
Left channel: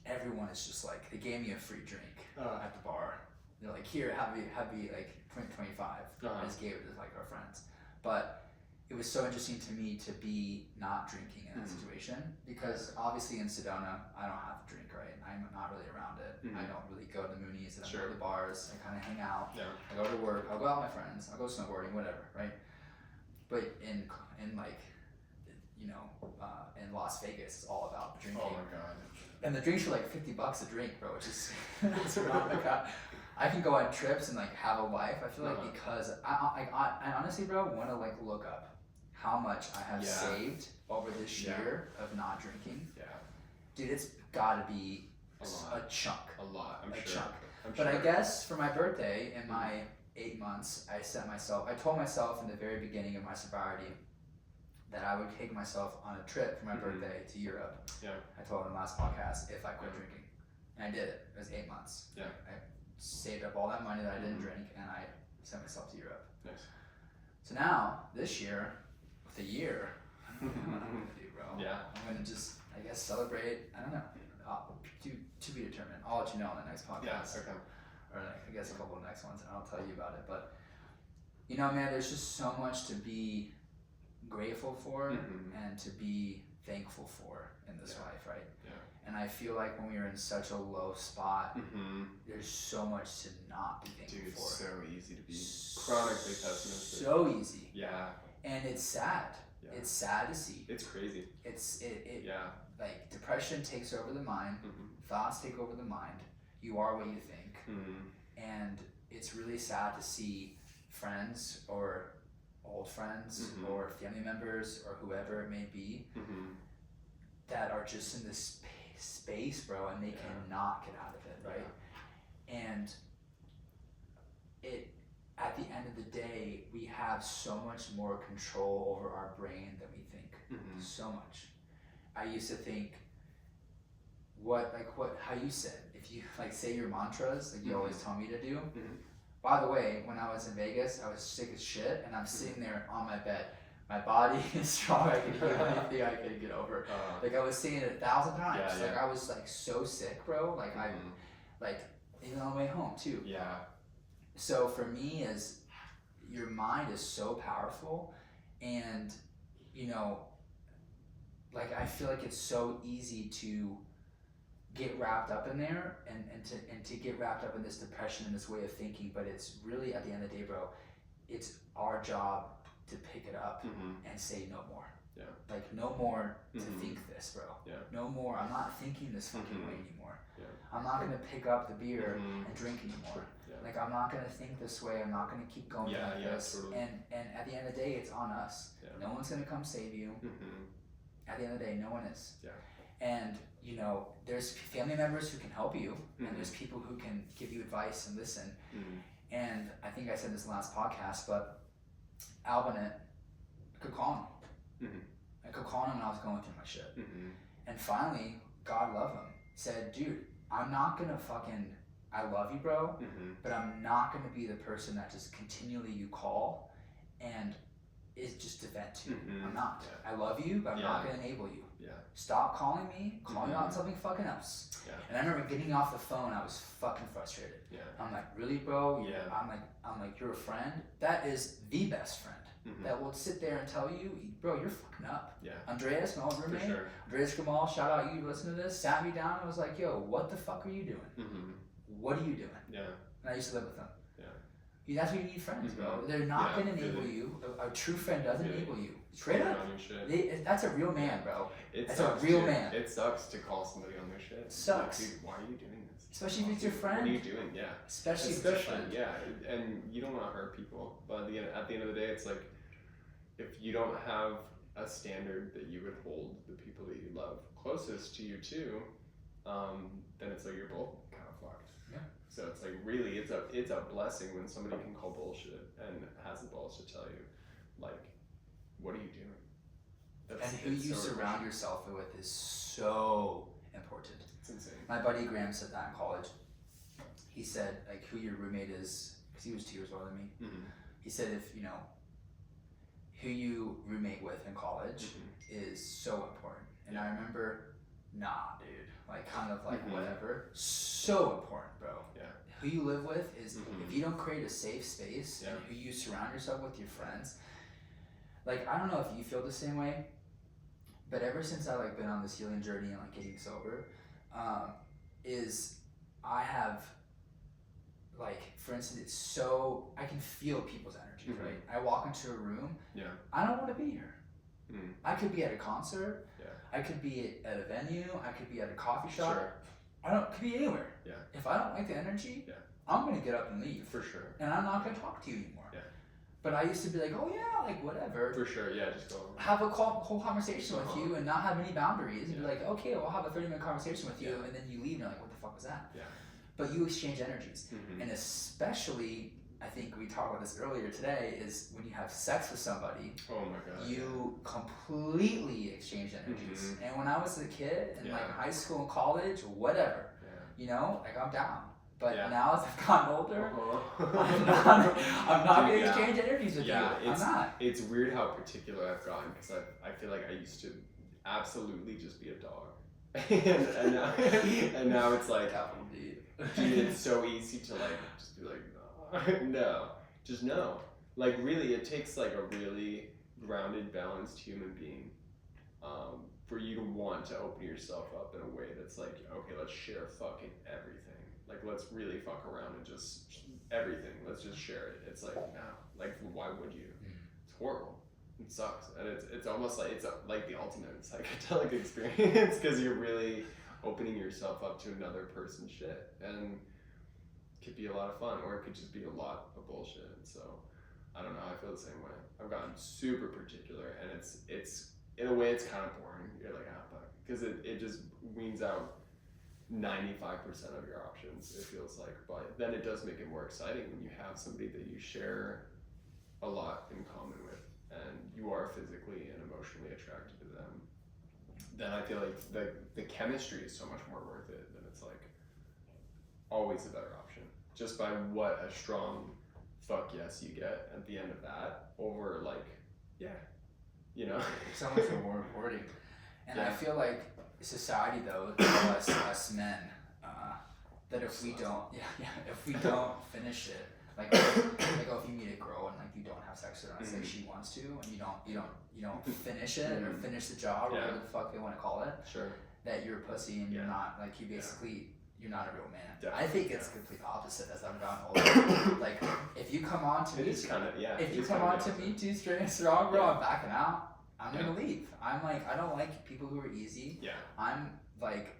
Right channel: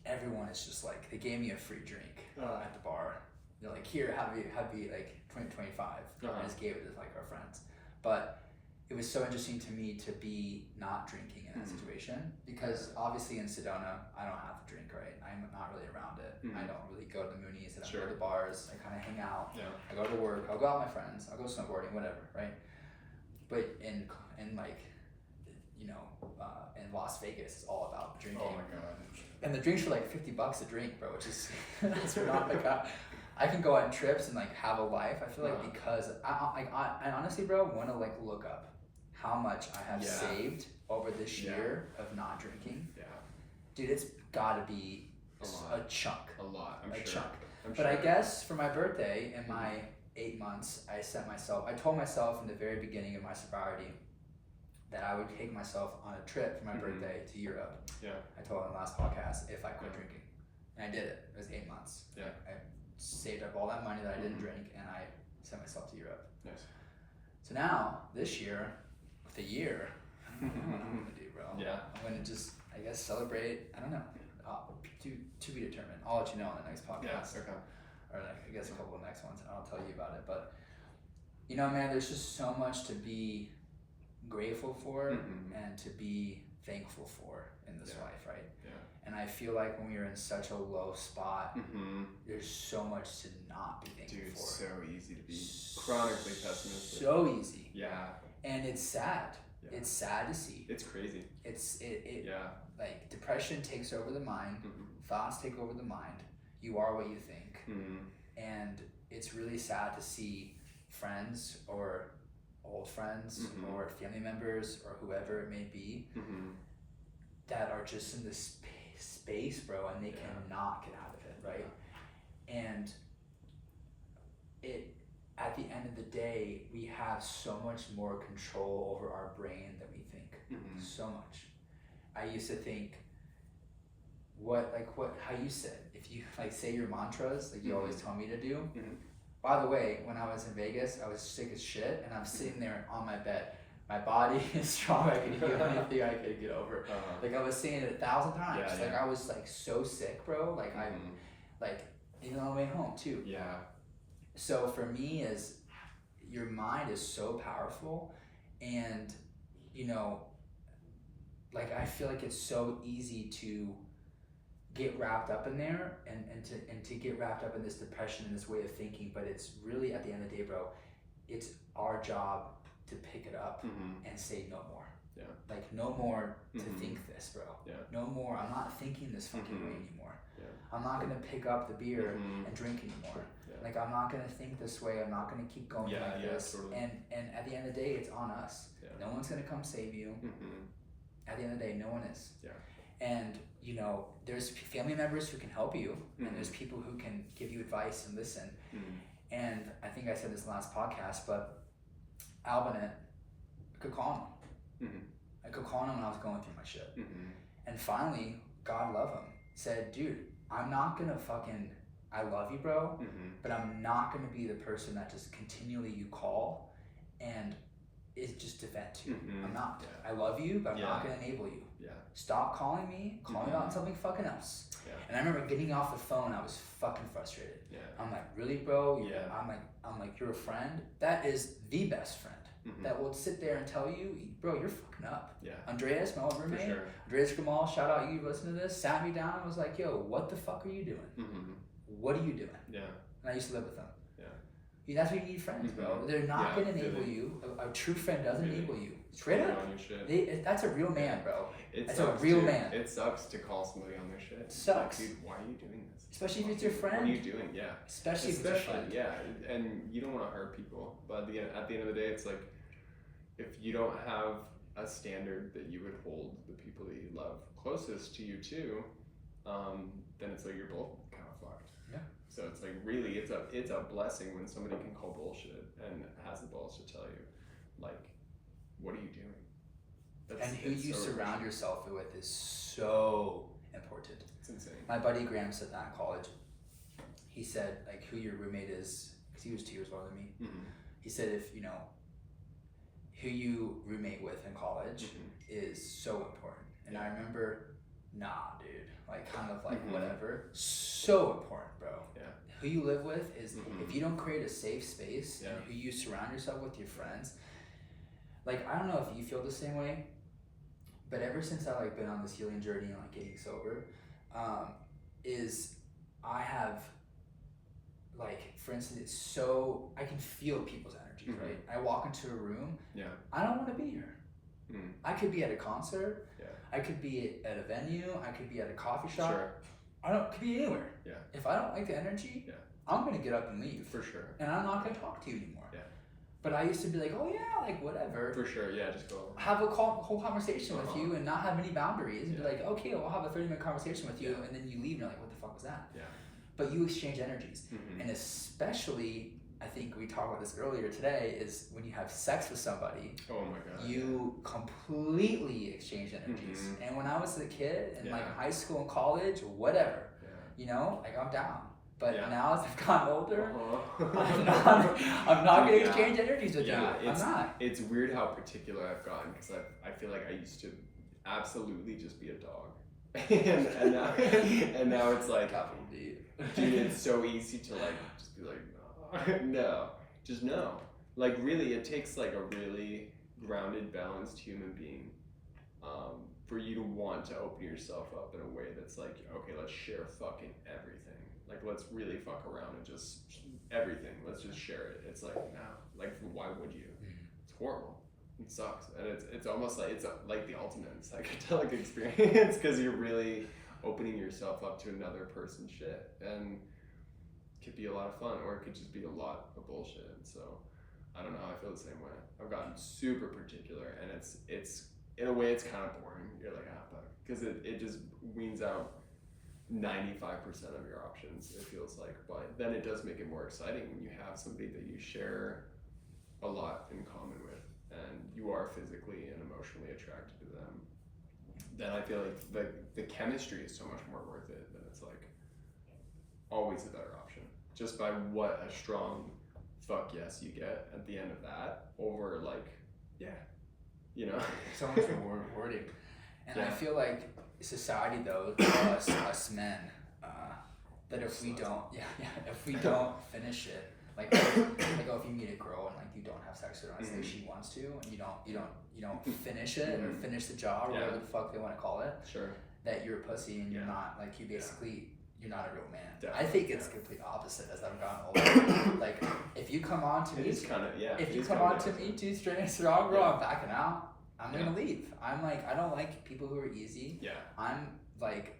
everyone is just like, they gave me a free drink at the bar. They're like, here, have you like 25. I just gave it to like our friends. But it was so interesting to me to be not drinking in that situation, because obviously in Sedona, I don't have to drink, right? I'm not really around it. I don't really go to the Moonies, I don't go to the bars. I kind of hang out. Yeah. I go to work. I'll go out with my friends. I'll go snowboarding, whatever, right? But in like, in Las Vegas, it's all about drinking. Oh my god. And the drinks are like $50 a drink, bro, which is that's not like I can go on trips and like have a life. I feel like because I honestly, bro, want to like look up how much I have saved over this year of not drinking. Yeah. Dude, it's gotta be a chunk. A lot, I'm a sure. chunk. I'm But sure. I guess for my birthday in my 8 months, I told myself in the very beginning of my sobriety that I would take myself on a trip for my birthday to Europe. Yeah. I told in the last podcast if I quit Yeah. drinking. And I did it. It was 8 months. Yeah. I saved up all that money that I didn't drink and I sent myself to Europe. Nice. So now, this year, with a year, I don't know what I'm gonna do, bro. Yeah. I'm gonna just, I guess, celebrate. I don't know. To be determined. I'll let you know on the next podcast. Yeah. Okay. Or like, I guess a couple of next ones, and I'll tell you about it. But you know, man, there's just so much to be grateful for and to be thankful for in this life, right? Yeah. And I feel like when we are in such a low spot, there's so much to not be thankful Dude, for. it's so easy to be chronically pessimistic. So easy. Yeah. And it's sad. Yeah. It's sad to see. It's crazy. It Yeah. like depression takes over the mind, thoughts take over the mind. You are what you think. And it's really sad to see friends or old friends or family members or whoever it may be that are just in this space, bro, and they cannot get out of it, right? And it, at the end of the day, we have so much more control over our brain than we think. So much. I used to think how you said, if you like say your mantras, like you always tell me to do. By the way, when I was in Vegas, I was sick as shit, and I'm sitting there on my bed. My body is strong. I can do anything I could get over. Like I was saying it 1,000 times. Yeah, like I was like so sick, bro. Like I, like even on the way home too. Yeah. So for me, is your mind is so powerful, and you know, like I feel like it's so easy to get wrapped up in there and to get wrapped up in this depression and this way of thinking, but it's really at the end of the day, bro, it's our job to pick it up and say no more. Yeah. Like no more to think this, bro. Yeah. No more. I'm not thinking this fucking way anymore. Yeah. I'm not gonna pick up the beer and drink anymore. Yeah. Like I'm not gonna think this way. I'm not gonna keep going like this. Totally. And at the end of the day, it's on us. Yeah. No one's gonna come save you. At the end of the day, no one is. Yeah. And you know, there's family members who can help you, and there's people who can give you advice and listen. And I think I said this last podcast, but Albinet could call him. I could call him when I was going through my shit. And finally, God love him, said, dude, I'm not gonna fucking, I love you, bro, but I'm not gonna be the person that just continually you call and is just to vent to. I'm not. I love you, but I'm not gonna enable you. Stop calling me, call me about something fucking else. And I remember getting off the phone, I was fucking frustrated. I'm like, really, bro? I'm like, you're a friend? That is the best friend. That will sit there and tell you, bro, you're fucking up. Andreas, my old roommate, Andreas Gamal, shout out, you listen to this, sat me down and was like, yo, what the fuck are you doing? What are you doing? And I used to live with them. That's why you need friends, bro. They're not gonna enable you. A true friend doesn't enable you. Straight up. That's a real man, bro. That's a real man. It sucks to call somebody on their shit. It sucks. Like, dude, why are you doing this? Especially if it's your friend. What are you doing? Yeah. Especially if it's your friend. Yeah, and you don't want to hurt people. But at the end of the day, it's like, if you don't have a standard that you would hold the people that you love closest to you too, then it's like you're both kind of fucked. Yeah. So it's like really, it's a blessing when somebody can call bullshit and has the balls to tell you, like, what are you doing? And who you surround yourself with is so important. It's insane. My buddy Graham said that in college. He said, like, who your roommate is, because he was 2 years older than me. He said, if you know, who you roommate with in college is so important. And I remember, nah, dude, like, kind of like whatever. So important, bro. Yeah. Who you live with is, if you don't create a safe space and who you surround yourself with, your friends, like, I don't know if you feel the same way, but ever since I like been on this healing journey and like getting sober, is I have, like, for instance, it's so, I can feel people's energies, right? I walk into a room, I don't want to be here. I could be at a concert, I could be at a venue, I could be at a coffee shop, could be anywhere. If I don't like the energy, I'm gonna get up and leave. For sure. And I'm not gonna talk to you anymore. But I used to be like, oh yeah, like whatever. For sure, just go. Have a whole conversation with you and not have any boundaries. And be like, okay, well, I'll have a 30-minute conversation with you, and then you leave and you're like, what the fuck was that? but you exchange energies. Mhm. And especially, I think we talked about this earlier today, is when you have sex with somebody, Oh my god. you completely exchange energies. Mhm. And when I was a kid in like Yeah. high school and college, whatever, Yeah. you know, like I'm down. But Yeah. now as I've gotten older, Uh-huh. I'm not gonna Yeah. exchange energies with Yeah, you. I'm not. It's weird how particular I've gotten because I feel like I used to absolutely just be a dog, and now and now it's like, Capital D. dude, it's so easy to like just be like, no, just no. Like really, it takes like a really grounded, balanced human being, for you to want to open yourself up in a way that's like, okay, let's share fucking everything. Like let's really fuck around and just everything. Let's just share it. It's like no, like why would you? It's horrible. It sucks, and it's almost like it's like the ultimate psychedelic experience because you're really opening yourself up to another person's shit, and it could be a lot of fun, or it could just be a lot of bullshit. So I don't know. I feel the same way. I've gotten super particular, and it's in a way it's kind of boring. You're like ah fuck, because it just weans out 95% of your options. It feels like, but then it does make it more exciting when you have somebody that you share a lot in common with, and you are physically and emotionally attracted to them. Then I feel like the chemistry is so much more worth it. That it's like always the better option, just by what a strong fuck yes you get at the end of that over like yeah, you know. So much more rewarding. And I Yeah. feel like society though tells us men that if we don't if we don't finish it, like oh, if you meet a girl and like you don't have sex with her unless like she wants to, and you don't finish it or finish the job or whatever the fuck they want to call it, Sure. that you're a pussy and you're Yeah. not like you basically you're not a real man. I Definitely, think it's yeah. the complete opposite as I've gotten older. Like if you come on to It me, is kind of yeah. if it you is come kinda on the to opposite. me too straight and strong, bro, Yeah. I'm backing out. I'm gonna Yeah. leave. I'm like, I don't like people who are easy. Yeah. I'm like,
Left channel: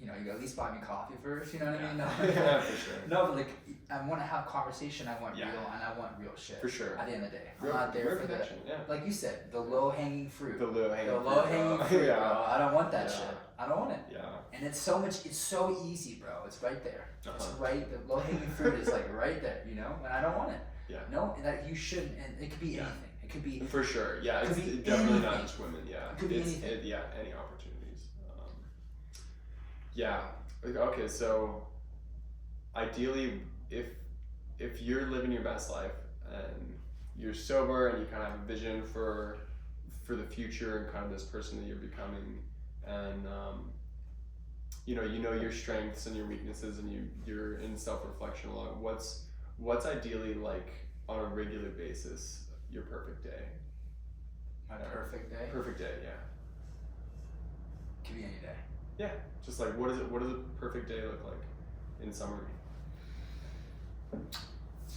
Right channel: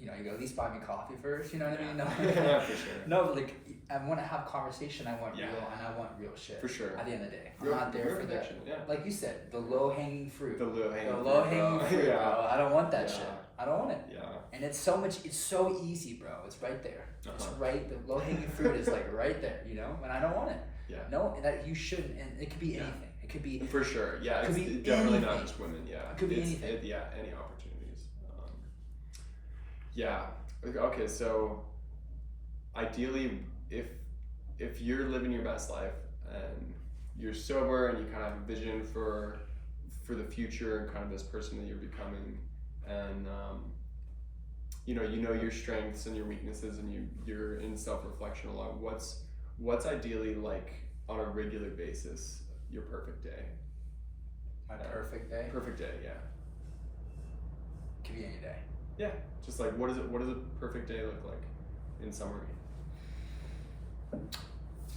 you know, you at least buy me coffee first. You know what I mean? No, Yeah, for sure. no, but like, I want to have conversation. I want Yeah. real, and I want real shit. For sure. At the end of the day, I'm Real- not there real for the, connection, yeah. like you said, the low hanging fruit. The low hanging The low hanging fruit, yeah. bro. I don't want that Yeah. shit. I don't want it. Yeah. And it's so much. It's so easy, bro. It's right there. It's Uh-huh. right. The low hanging fruit is like right there. You know, and I don't want it. Yeah. No, that you shouldn't. And it could be Yeah. anything. It could be. For sure. Yeah. Could It's be definitely not anything. just women. Yeah. It could be It's- anything. yeah. Any opportunities. Yeah. Okay. So, ideally, if you're living your best life and you're sober and you kind of have a vision for the future and kind of this person that you're becoming, and you know your strengths and your weaknesses, and you're in self-reflection a lot. What's ideally like on a regular basis your perfect day? My perfect day. Perfect day, yeah. Could be any day. Yeah. Just like what does a perfect day look like in summary?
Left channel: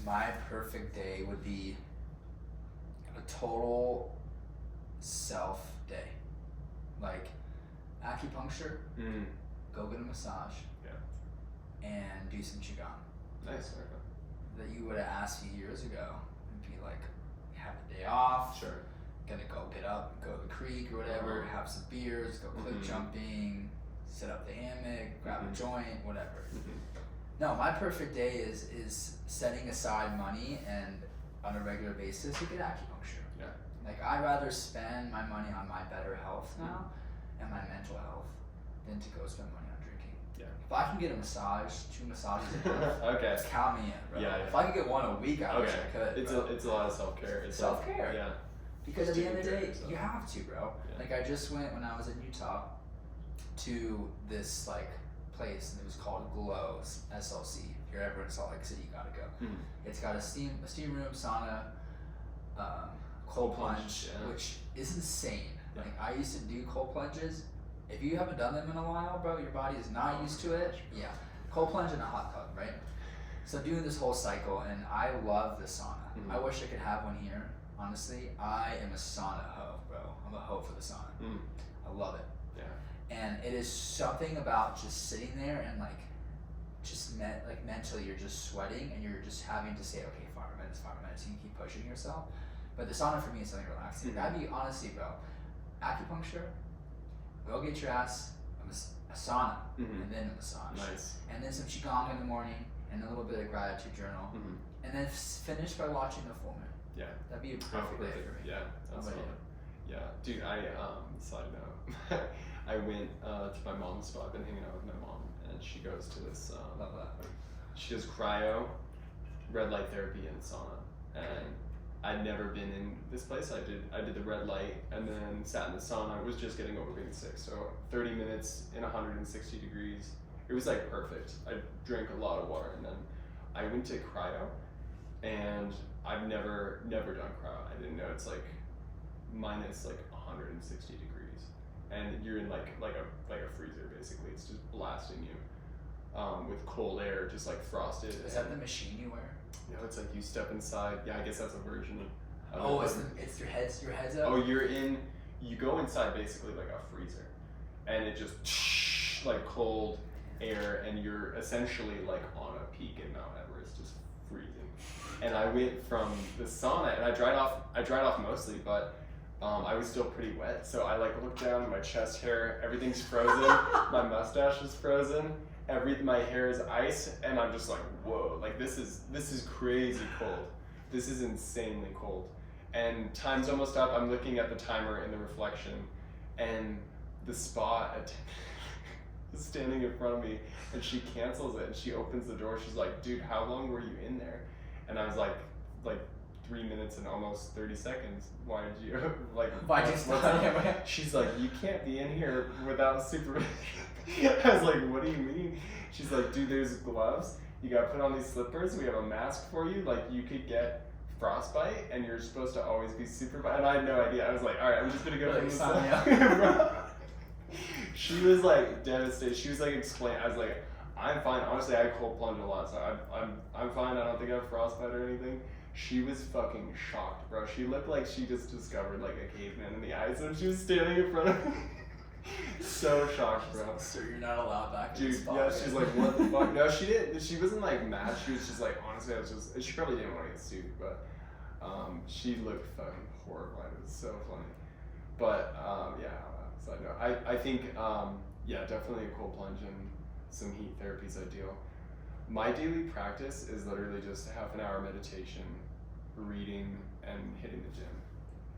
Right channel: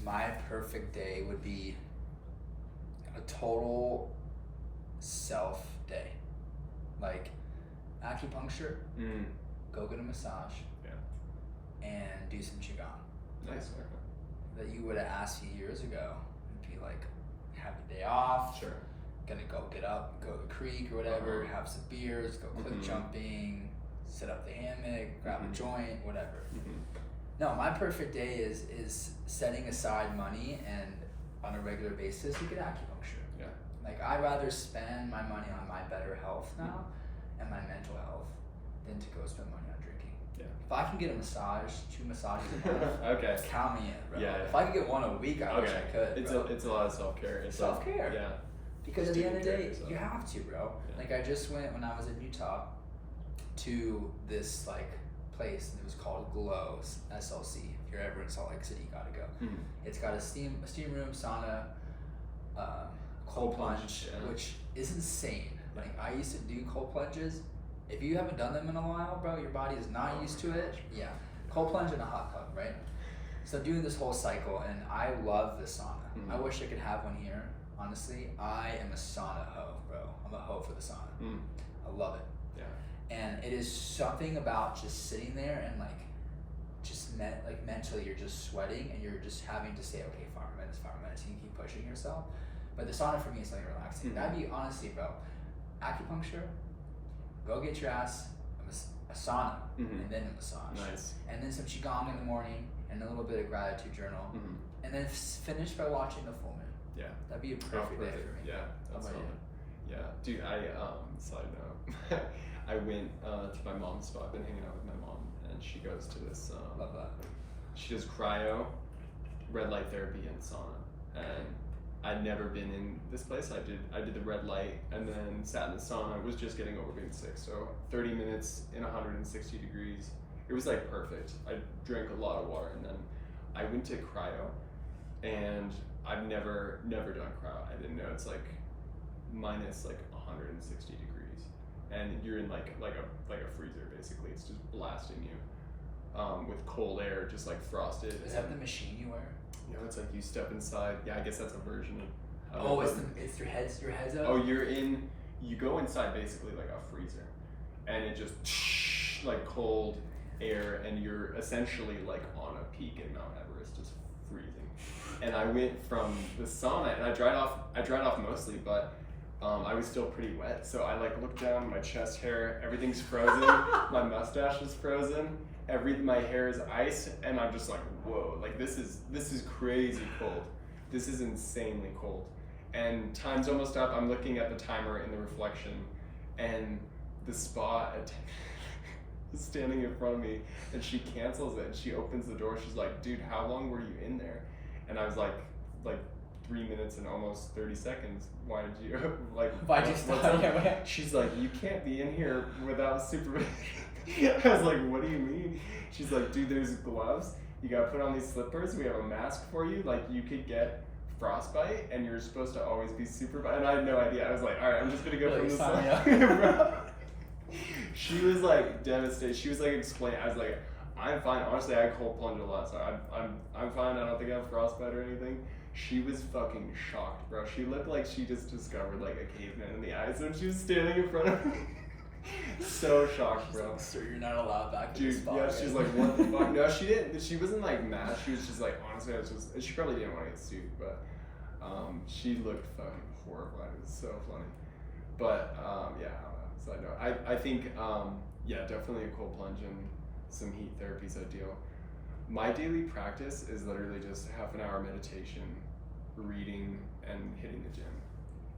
My perfect day would be a total self day. Like acupuncture, Mm. go get a massage, and do some qigong. Nice. Okay. That you would have asked me years ago. It'd be like, have a day off, Sure. gonna go get up, go to the creek or whatever, Uh-huh. have some beers, go cliff Mhm. jumping, sit up the hammock, grab Mhm. a joint, whatever. Mm-hmm. No, my perfect day is setting aside money and on a regular basis you get acupuncture. Yeah. Like I'd rather spend my money on my better health now and my mental health than to go spend money on drinking. Yeah. If I can get a massage, 2 massages a month, Okay. count me in, bro. Yeah, yeah. If I could get one a week, I wish I could. It's bro. it's a lot of self care. It's self-care. Yeah. Because at Just the end of the taking day, care of yourself. you have to, bro. Yeah. Like I just went when I was in Utah to this like place and it was called Glow SLC. If you're ever in Salt Lake City, you gotta go. Hmm. It's got a steam room, sauna, cold plunge, yeah. which is insane. Yeah. Like I used to do cold plunges. If you haven't done them in a while, bro, your body is not Oh used my to it. gosh. Yeah, cold plunge and a hot tub, right? So doing this whole cycle, and I love the sauna. Mhm. I wish I could have one here. Honestly, I am a sauna hoe, bro. I'm a hoe for the sauna. Mm. I love it. Yeah. And it is something about just sitting there and like just mentally you're just sweating and you're just having to say, okay, 5 more minutes, you can keep pushing yourself. But the sauna for me is something relaxing. Mhm. That'd be honestly, bro, acupuncture, go get your ass a sauna, Mhm. and then a massage, Nice. and then some qigong in the morning, and a little bit of gratitude journal, Mhm. and then finish by watching the full moon. Yeah. That'd be a perfect day for me. Yeah. How That's about fun. Yeah, dude. Side note, I went to my mom's spot. I've been hanging out with my mom, and she goes to this. Love that. She does cryo, red light therapy, and sauna. And I'd never been in this place. I did the red light, and then sat in the sauna. I was just getting over being sick, so 30 minutes in 160 degrees. It was like perfect. I drank a lot of water, and then I went to cryo, and I've never done cryo. I didn't know it's like minus like 160 degrees, and you're in like a freezer basically. It's just blasting you with cold air, just like frosted. Is that the machine you wear? No, it's like you step inside. Yeah, I guess that's a version of. Oh, it's your head's up. Oh, you go inside basically like a freezer, and it just like cold air, and you're essentially like on a peak in Mount Everest, just freezing. And I went from the sauna, and I dried off mostly, but I was still pretty wet, so I like looked down, my chest hair, everything's frozen, my mustache is frozen, my hair is ice, and I'm just like, whoa, like this is crazy cold. This is insanely cold. And time's almost up. I'm looking at the timer in the reflection, and the spa attendant is standing in front of me, and she cancels it, and she opens the door. She's like, dude, how long were you in there? And I was like 3 minutes and almost 30 seconds. Why'd you stop? She's like, you can't be in here without supervision. I was like, what do you mean? She's like, dude, there's gloves. You gotta put on these slippers. We have a mask for you. Like, you could get frostbite, and you're supposed to always be supervised. And I had no idea. I was like, all right, I'm just gonna go from this side. She was like devastated. She was like explaining. I was like, I'm fine. Honestly, I cold plunge a lot, so I'm fine. I don't think I have frostbite or anything. She was fucking shocked, bro. She looked like she just discovered like a caveman in the ice, and she was standing in front of me. So shocked, bro. Sir, you're not allowed back in Dude, the spot. yeah, right? she's like, what the fuck? No, she didn't. She wasn't like mad. She was just like, honestly, she probably didn't want to get sued, but she looked fucking horrified. It was so funny. But yeah, side note. I think yeah, definitely a cold plunge and some heat therapy is ideal. My daily practice is literally just half an hour meditation, reading, and hitting the gym.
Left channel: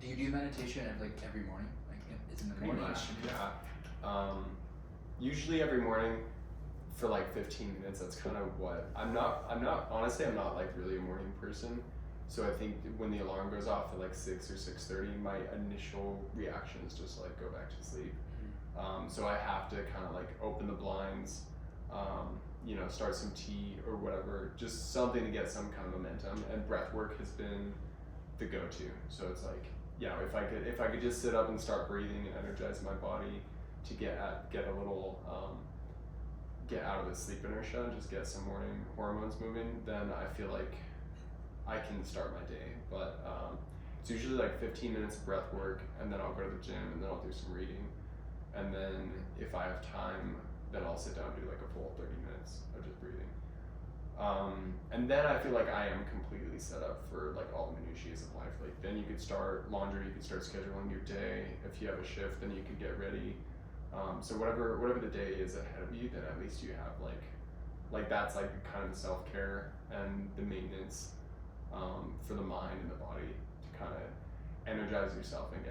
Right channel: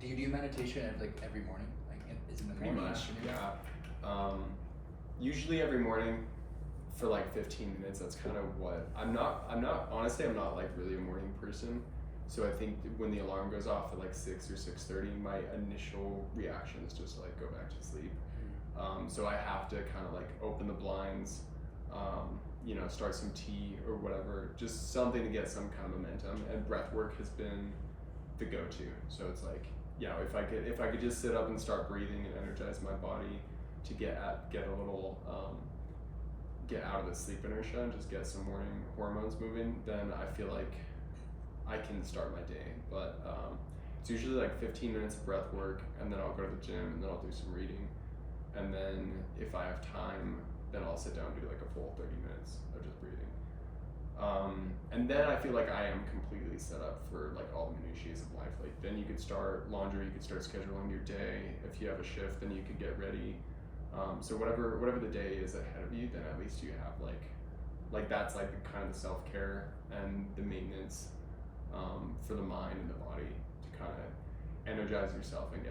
Do you do meditation like every morning? Like, is it in the Pretty morning? much, afternoon? yeah. Usually every morning for like 15 minutes. That's kind of what I'm not honestly, I'm not like really a morning person. So I think when the alarm goes off at like 6 or 6:30, my initial reaction is just to like go back to sleep. So I have to kind of like open the blinds, you know, start some tea or whatever, just something to get some kind of momentum. And breath work has been the go-to. So it's like, yeah, if I could just sit up and start breathing and energize my body to get a little get out of the sleep inertia and just get some morning hormones moving, then I feel like I can start my day. But it's usually like 15 minutes of breath work, and then I'll go to the gym, and then I'll do some reading, and then if I have time, then I'll sit down and do like a full 30 minutes of just breathing. And then I feel like I am completely set up for like all the minutiae of life. Like then you could start laundry, you could start scheduling your day. If you have a shift, then you could get ready. So whatever the day is ahead of you, then at least you have like that's like kind of the self-care and the maintenance for the mind and the body to kind of energize yourself and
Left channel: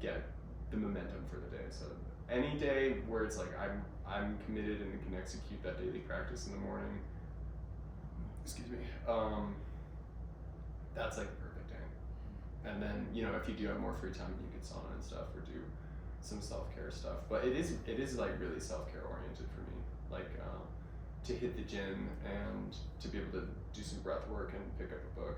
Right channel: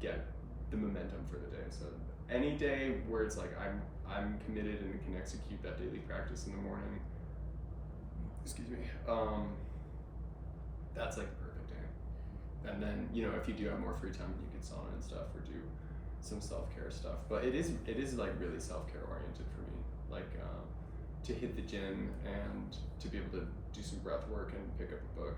get the momentum for the day. So any day where it's like I'm committed and can execute that daily practice in the morning, excuse me, that's like the perfect day. And then, you know, if you do have more free time, you could sauna and stuff or do some self-care stuff. But it is like really self-care oriented for me, like to hit the gym and to be able to do some breath work and pick up a book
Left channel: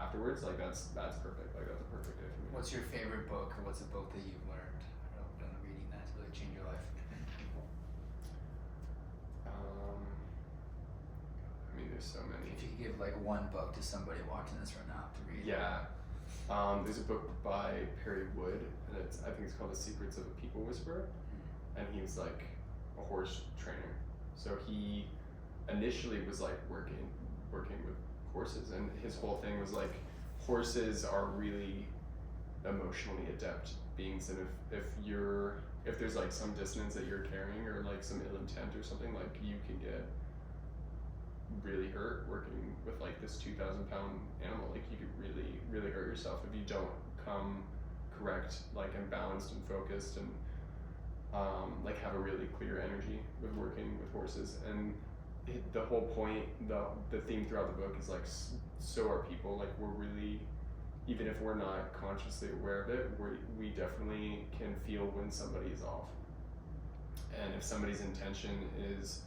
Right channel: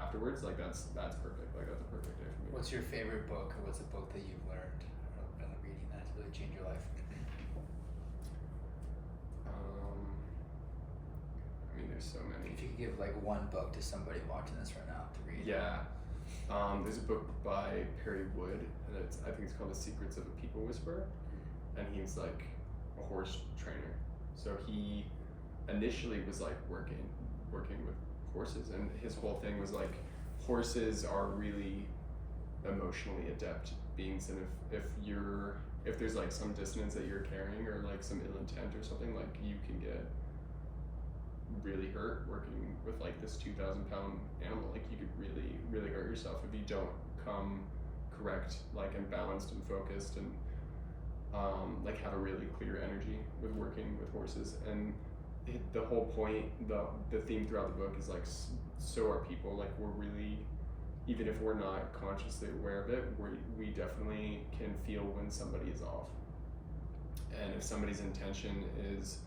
afterwards. Like that's perfect. Like that's a perfect day for me. What's your favorite book, or what's a book that you've learned or done reading that's really changed your life? I mean, there's so many. If you could give like one book to somebody watching this right now to read. Yeah. There's a book by Perry Wood, and I think it's called The Secrets of a People Whisperer, and he's like a horse trainer. So he initially was like working with horses, and his whole thing was like horses are really emotionally adept beings, and if you're if there's like some dissonance that you're carrying or like some ill intent or something, like you can get really hurt working with like this 2,000-pound animal. Like you could really hurt yourself if you don't come correct, like, and balanced and focused, and like have a really clear energy with working with horses. And the whole point, the theme throughout the book is like, so are people. Like we're really, even if we're not consciously aware of it, we definitely can feel when somebody is off. And if somebody's intention is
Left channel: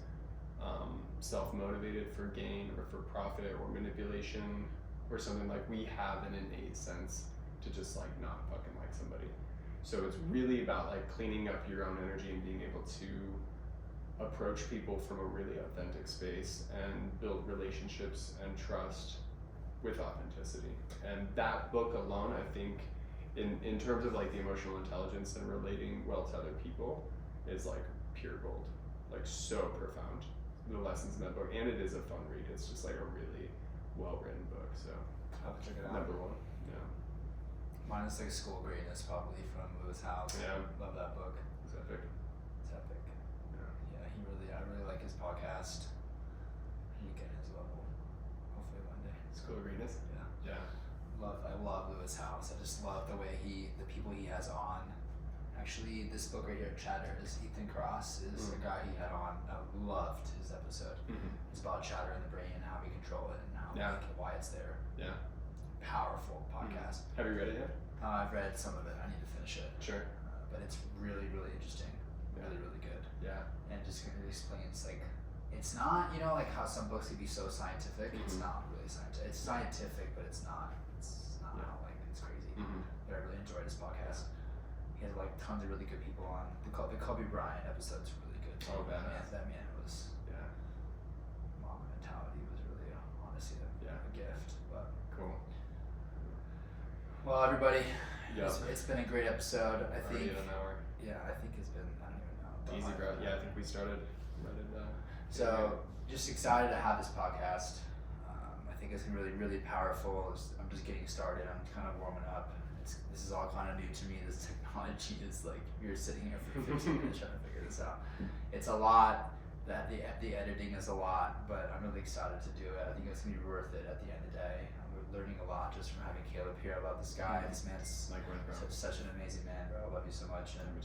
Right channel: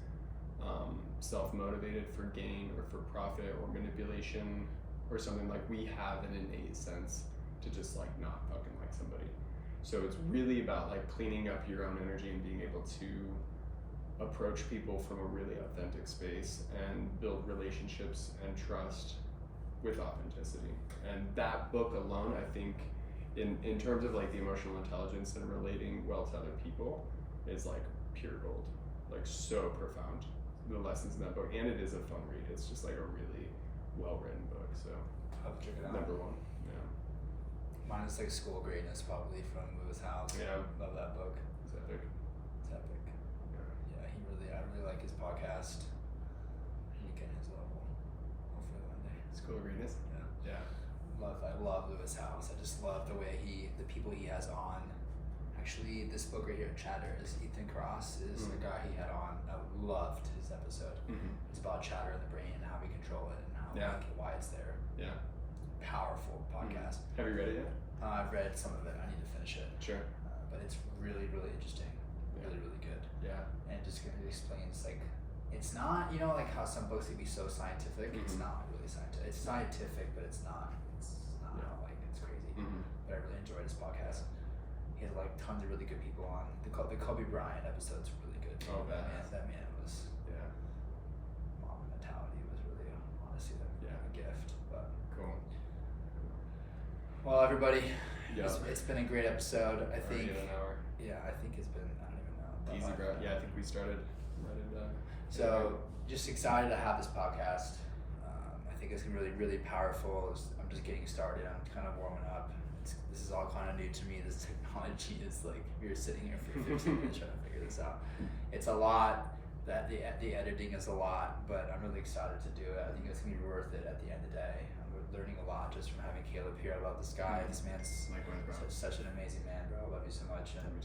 self-motivated for gain or for profit or manipulation or something, like we have an innate sense to just like not fucking like somebody. So it's really about like cleaning up your own energy and being able to approach people from a really authentic space and build relationships and trust with authenticity. And that book alone, I think, in terms of like the emotional intelligence and relating well to other people, is like pure gold. Like so profound, the lessons in that book. And it is a fun read. It's just like a really well written book. So I'll have to check it out. number one. Yeah. Mine is like School of Greatness, probably, from Lewis Howes. Yeah. Love that book. It's epic. It's epic. Yeah. Yeah, I really like his podcast. I need to get his level. Hopefully one day. School of Greatness. Yeah. Yeah. I love Lewis Howes. I just love the way the people he has on. Actually, this book right here, Chatter, is Ethan Cross, is the guy he had on. I loved his episode. Mm-hmm. It's about chatter in the brain and how we control it and how why it's there. Yeah. Powerful podcast. Have you read it yet? I've read some of it. I need to finish it. Sure. But it's really, really interesting. Yeah. Really good. Yeah. And it just explains, like, it's not, like how some books can be so scientific. It's Mhm. not really scientific. It's scientific, but it's not like, it's crazy. Mm-hmm. But I really enjoyed his podcast. He has like tons of really good people on. The Kobe Bryant episode's really good too. Oh, badass. That man was, Yeah. mom mentality was really honestly a gift. But Cool. well, everybody, Yeah. it's been a great episode. I think. Already at an hour. Yeah, I think it's been. I don't even know. about Easy, like bro. an Yeah, I hour. think we started right at So just excited to have this podcast. I think it's gonna be really, really powerful. I'm just getting started. I'm kind of warming up. This is all kind of new to me. This technology is like you're sitting here for 15 minutes trying to figure this out. It's a lot. That the editing is a lot, but I'm really excited to do it. I think it's gonna be worth it at the end of the day. I'm learning a lot just from having Caleb here. I love this guy. This man's Likewise, bro. such an amazing man, bro. I love you so much. And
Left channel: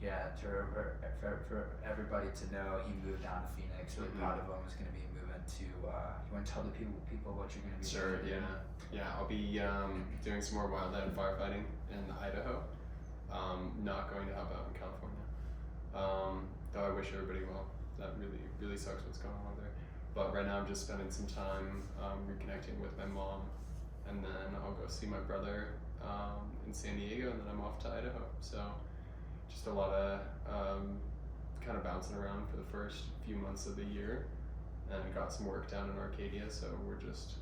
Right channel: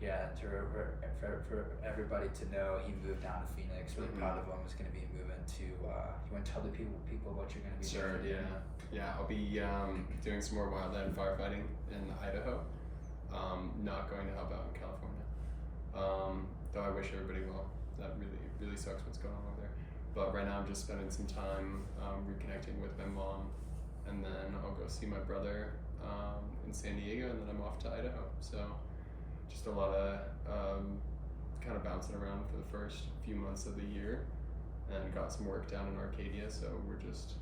yeah, for everybody to know, he moved down to Phoenix. Really proud of him. He's going to be moving to. You want to tell the people what you're going to be Sure. doing? Yeah. I'll be doing some more wildland firefighting in Idaho. Not going to help out in California. Though I wish everybody well. That really sucks what's going on there. But right now I'm just spending some time reconnecting with my mom, and then I'll go see my brother in San Diego, and then I'm off to Idaho. So just a lot of kind of bouncing around for the first few months of the year, and got some work down in Arcadia. So we're just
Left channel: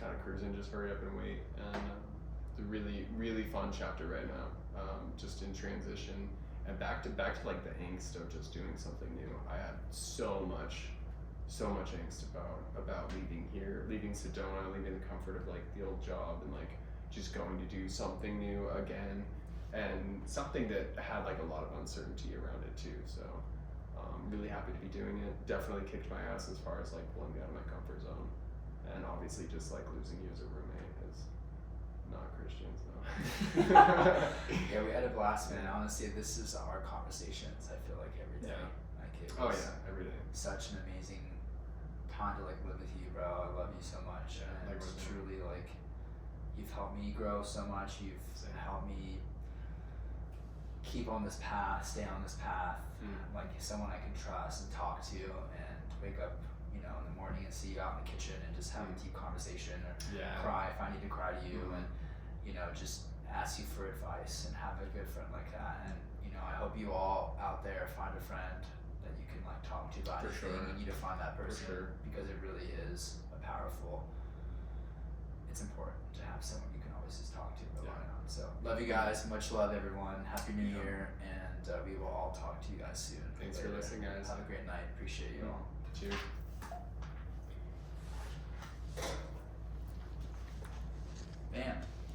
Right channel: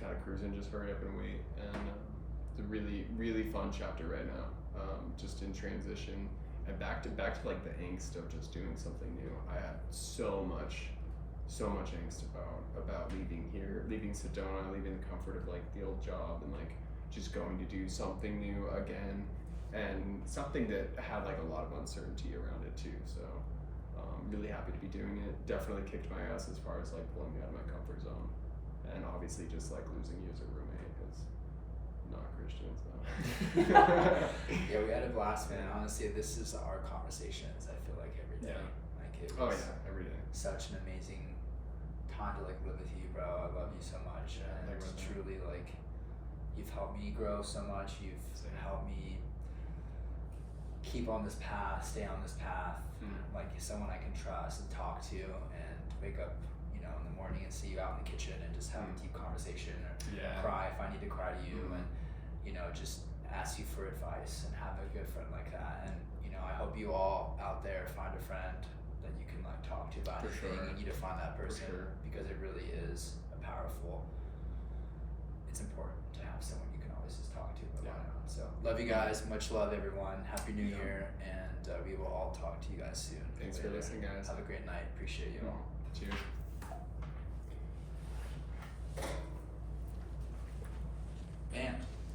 kind of cruising, just hurry up and wait. And it's a really fun chapter right now, just in transition and back to like the angst of just doing something new. I had so much angst about leaving here, leaving Sedona, leaving the comfort of like the old job, and like just going to do something new again, and something that had like a lot of uncertainty around it too. So really happy to be doing it. Definitely kicked my ass as far as like pulling me out of my comfort zone, and obviously just like losing you as a roommate, because not Christians though. Yeah, we had a blast, man. Honestly, this is our conversations. I feel like every day. Yeah. Like it Oh was yeah, every day. such an amazing time to like live with you, bro. I love you so much, Yeah, and likewise, man. truly like you've helped me grow so much. You've helped me keep on this path, stay on this path. Like someone I can trust and talk to, and wake up, in the morning and see you out in the kitchen and just have a deep conversation, or Yeah. cry if I need to cry to you, and just ask you for advice and have a good friend like that. And I hope you all out there find a friend that you can like talk to about For anything. sure. You need to find that person, sure. because it really is it's important to have someone you can always just talk to about it on. So love you guys, much love everyone, happy new year, and we will all talk to you guys soon. Thanks for listening, guys. Have a great night, appreciate you all. Cheers.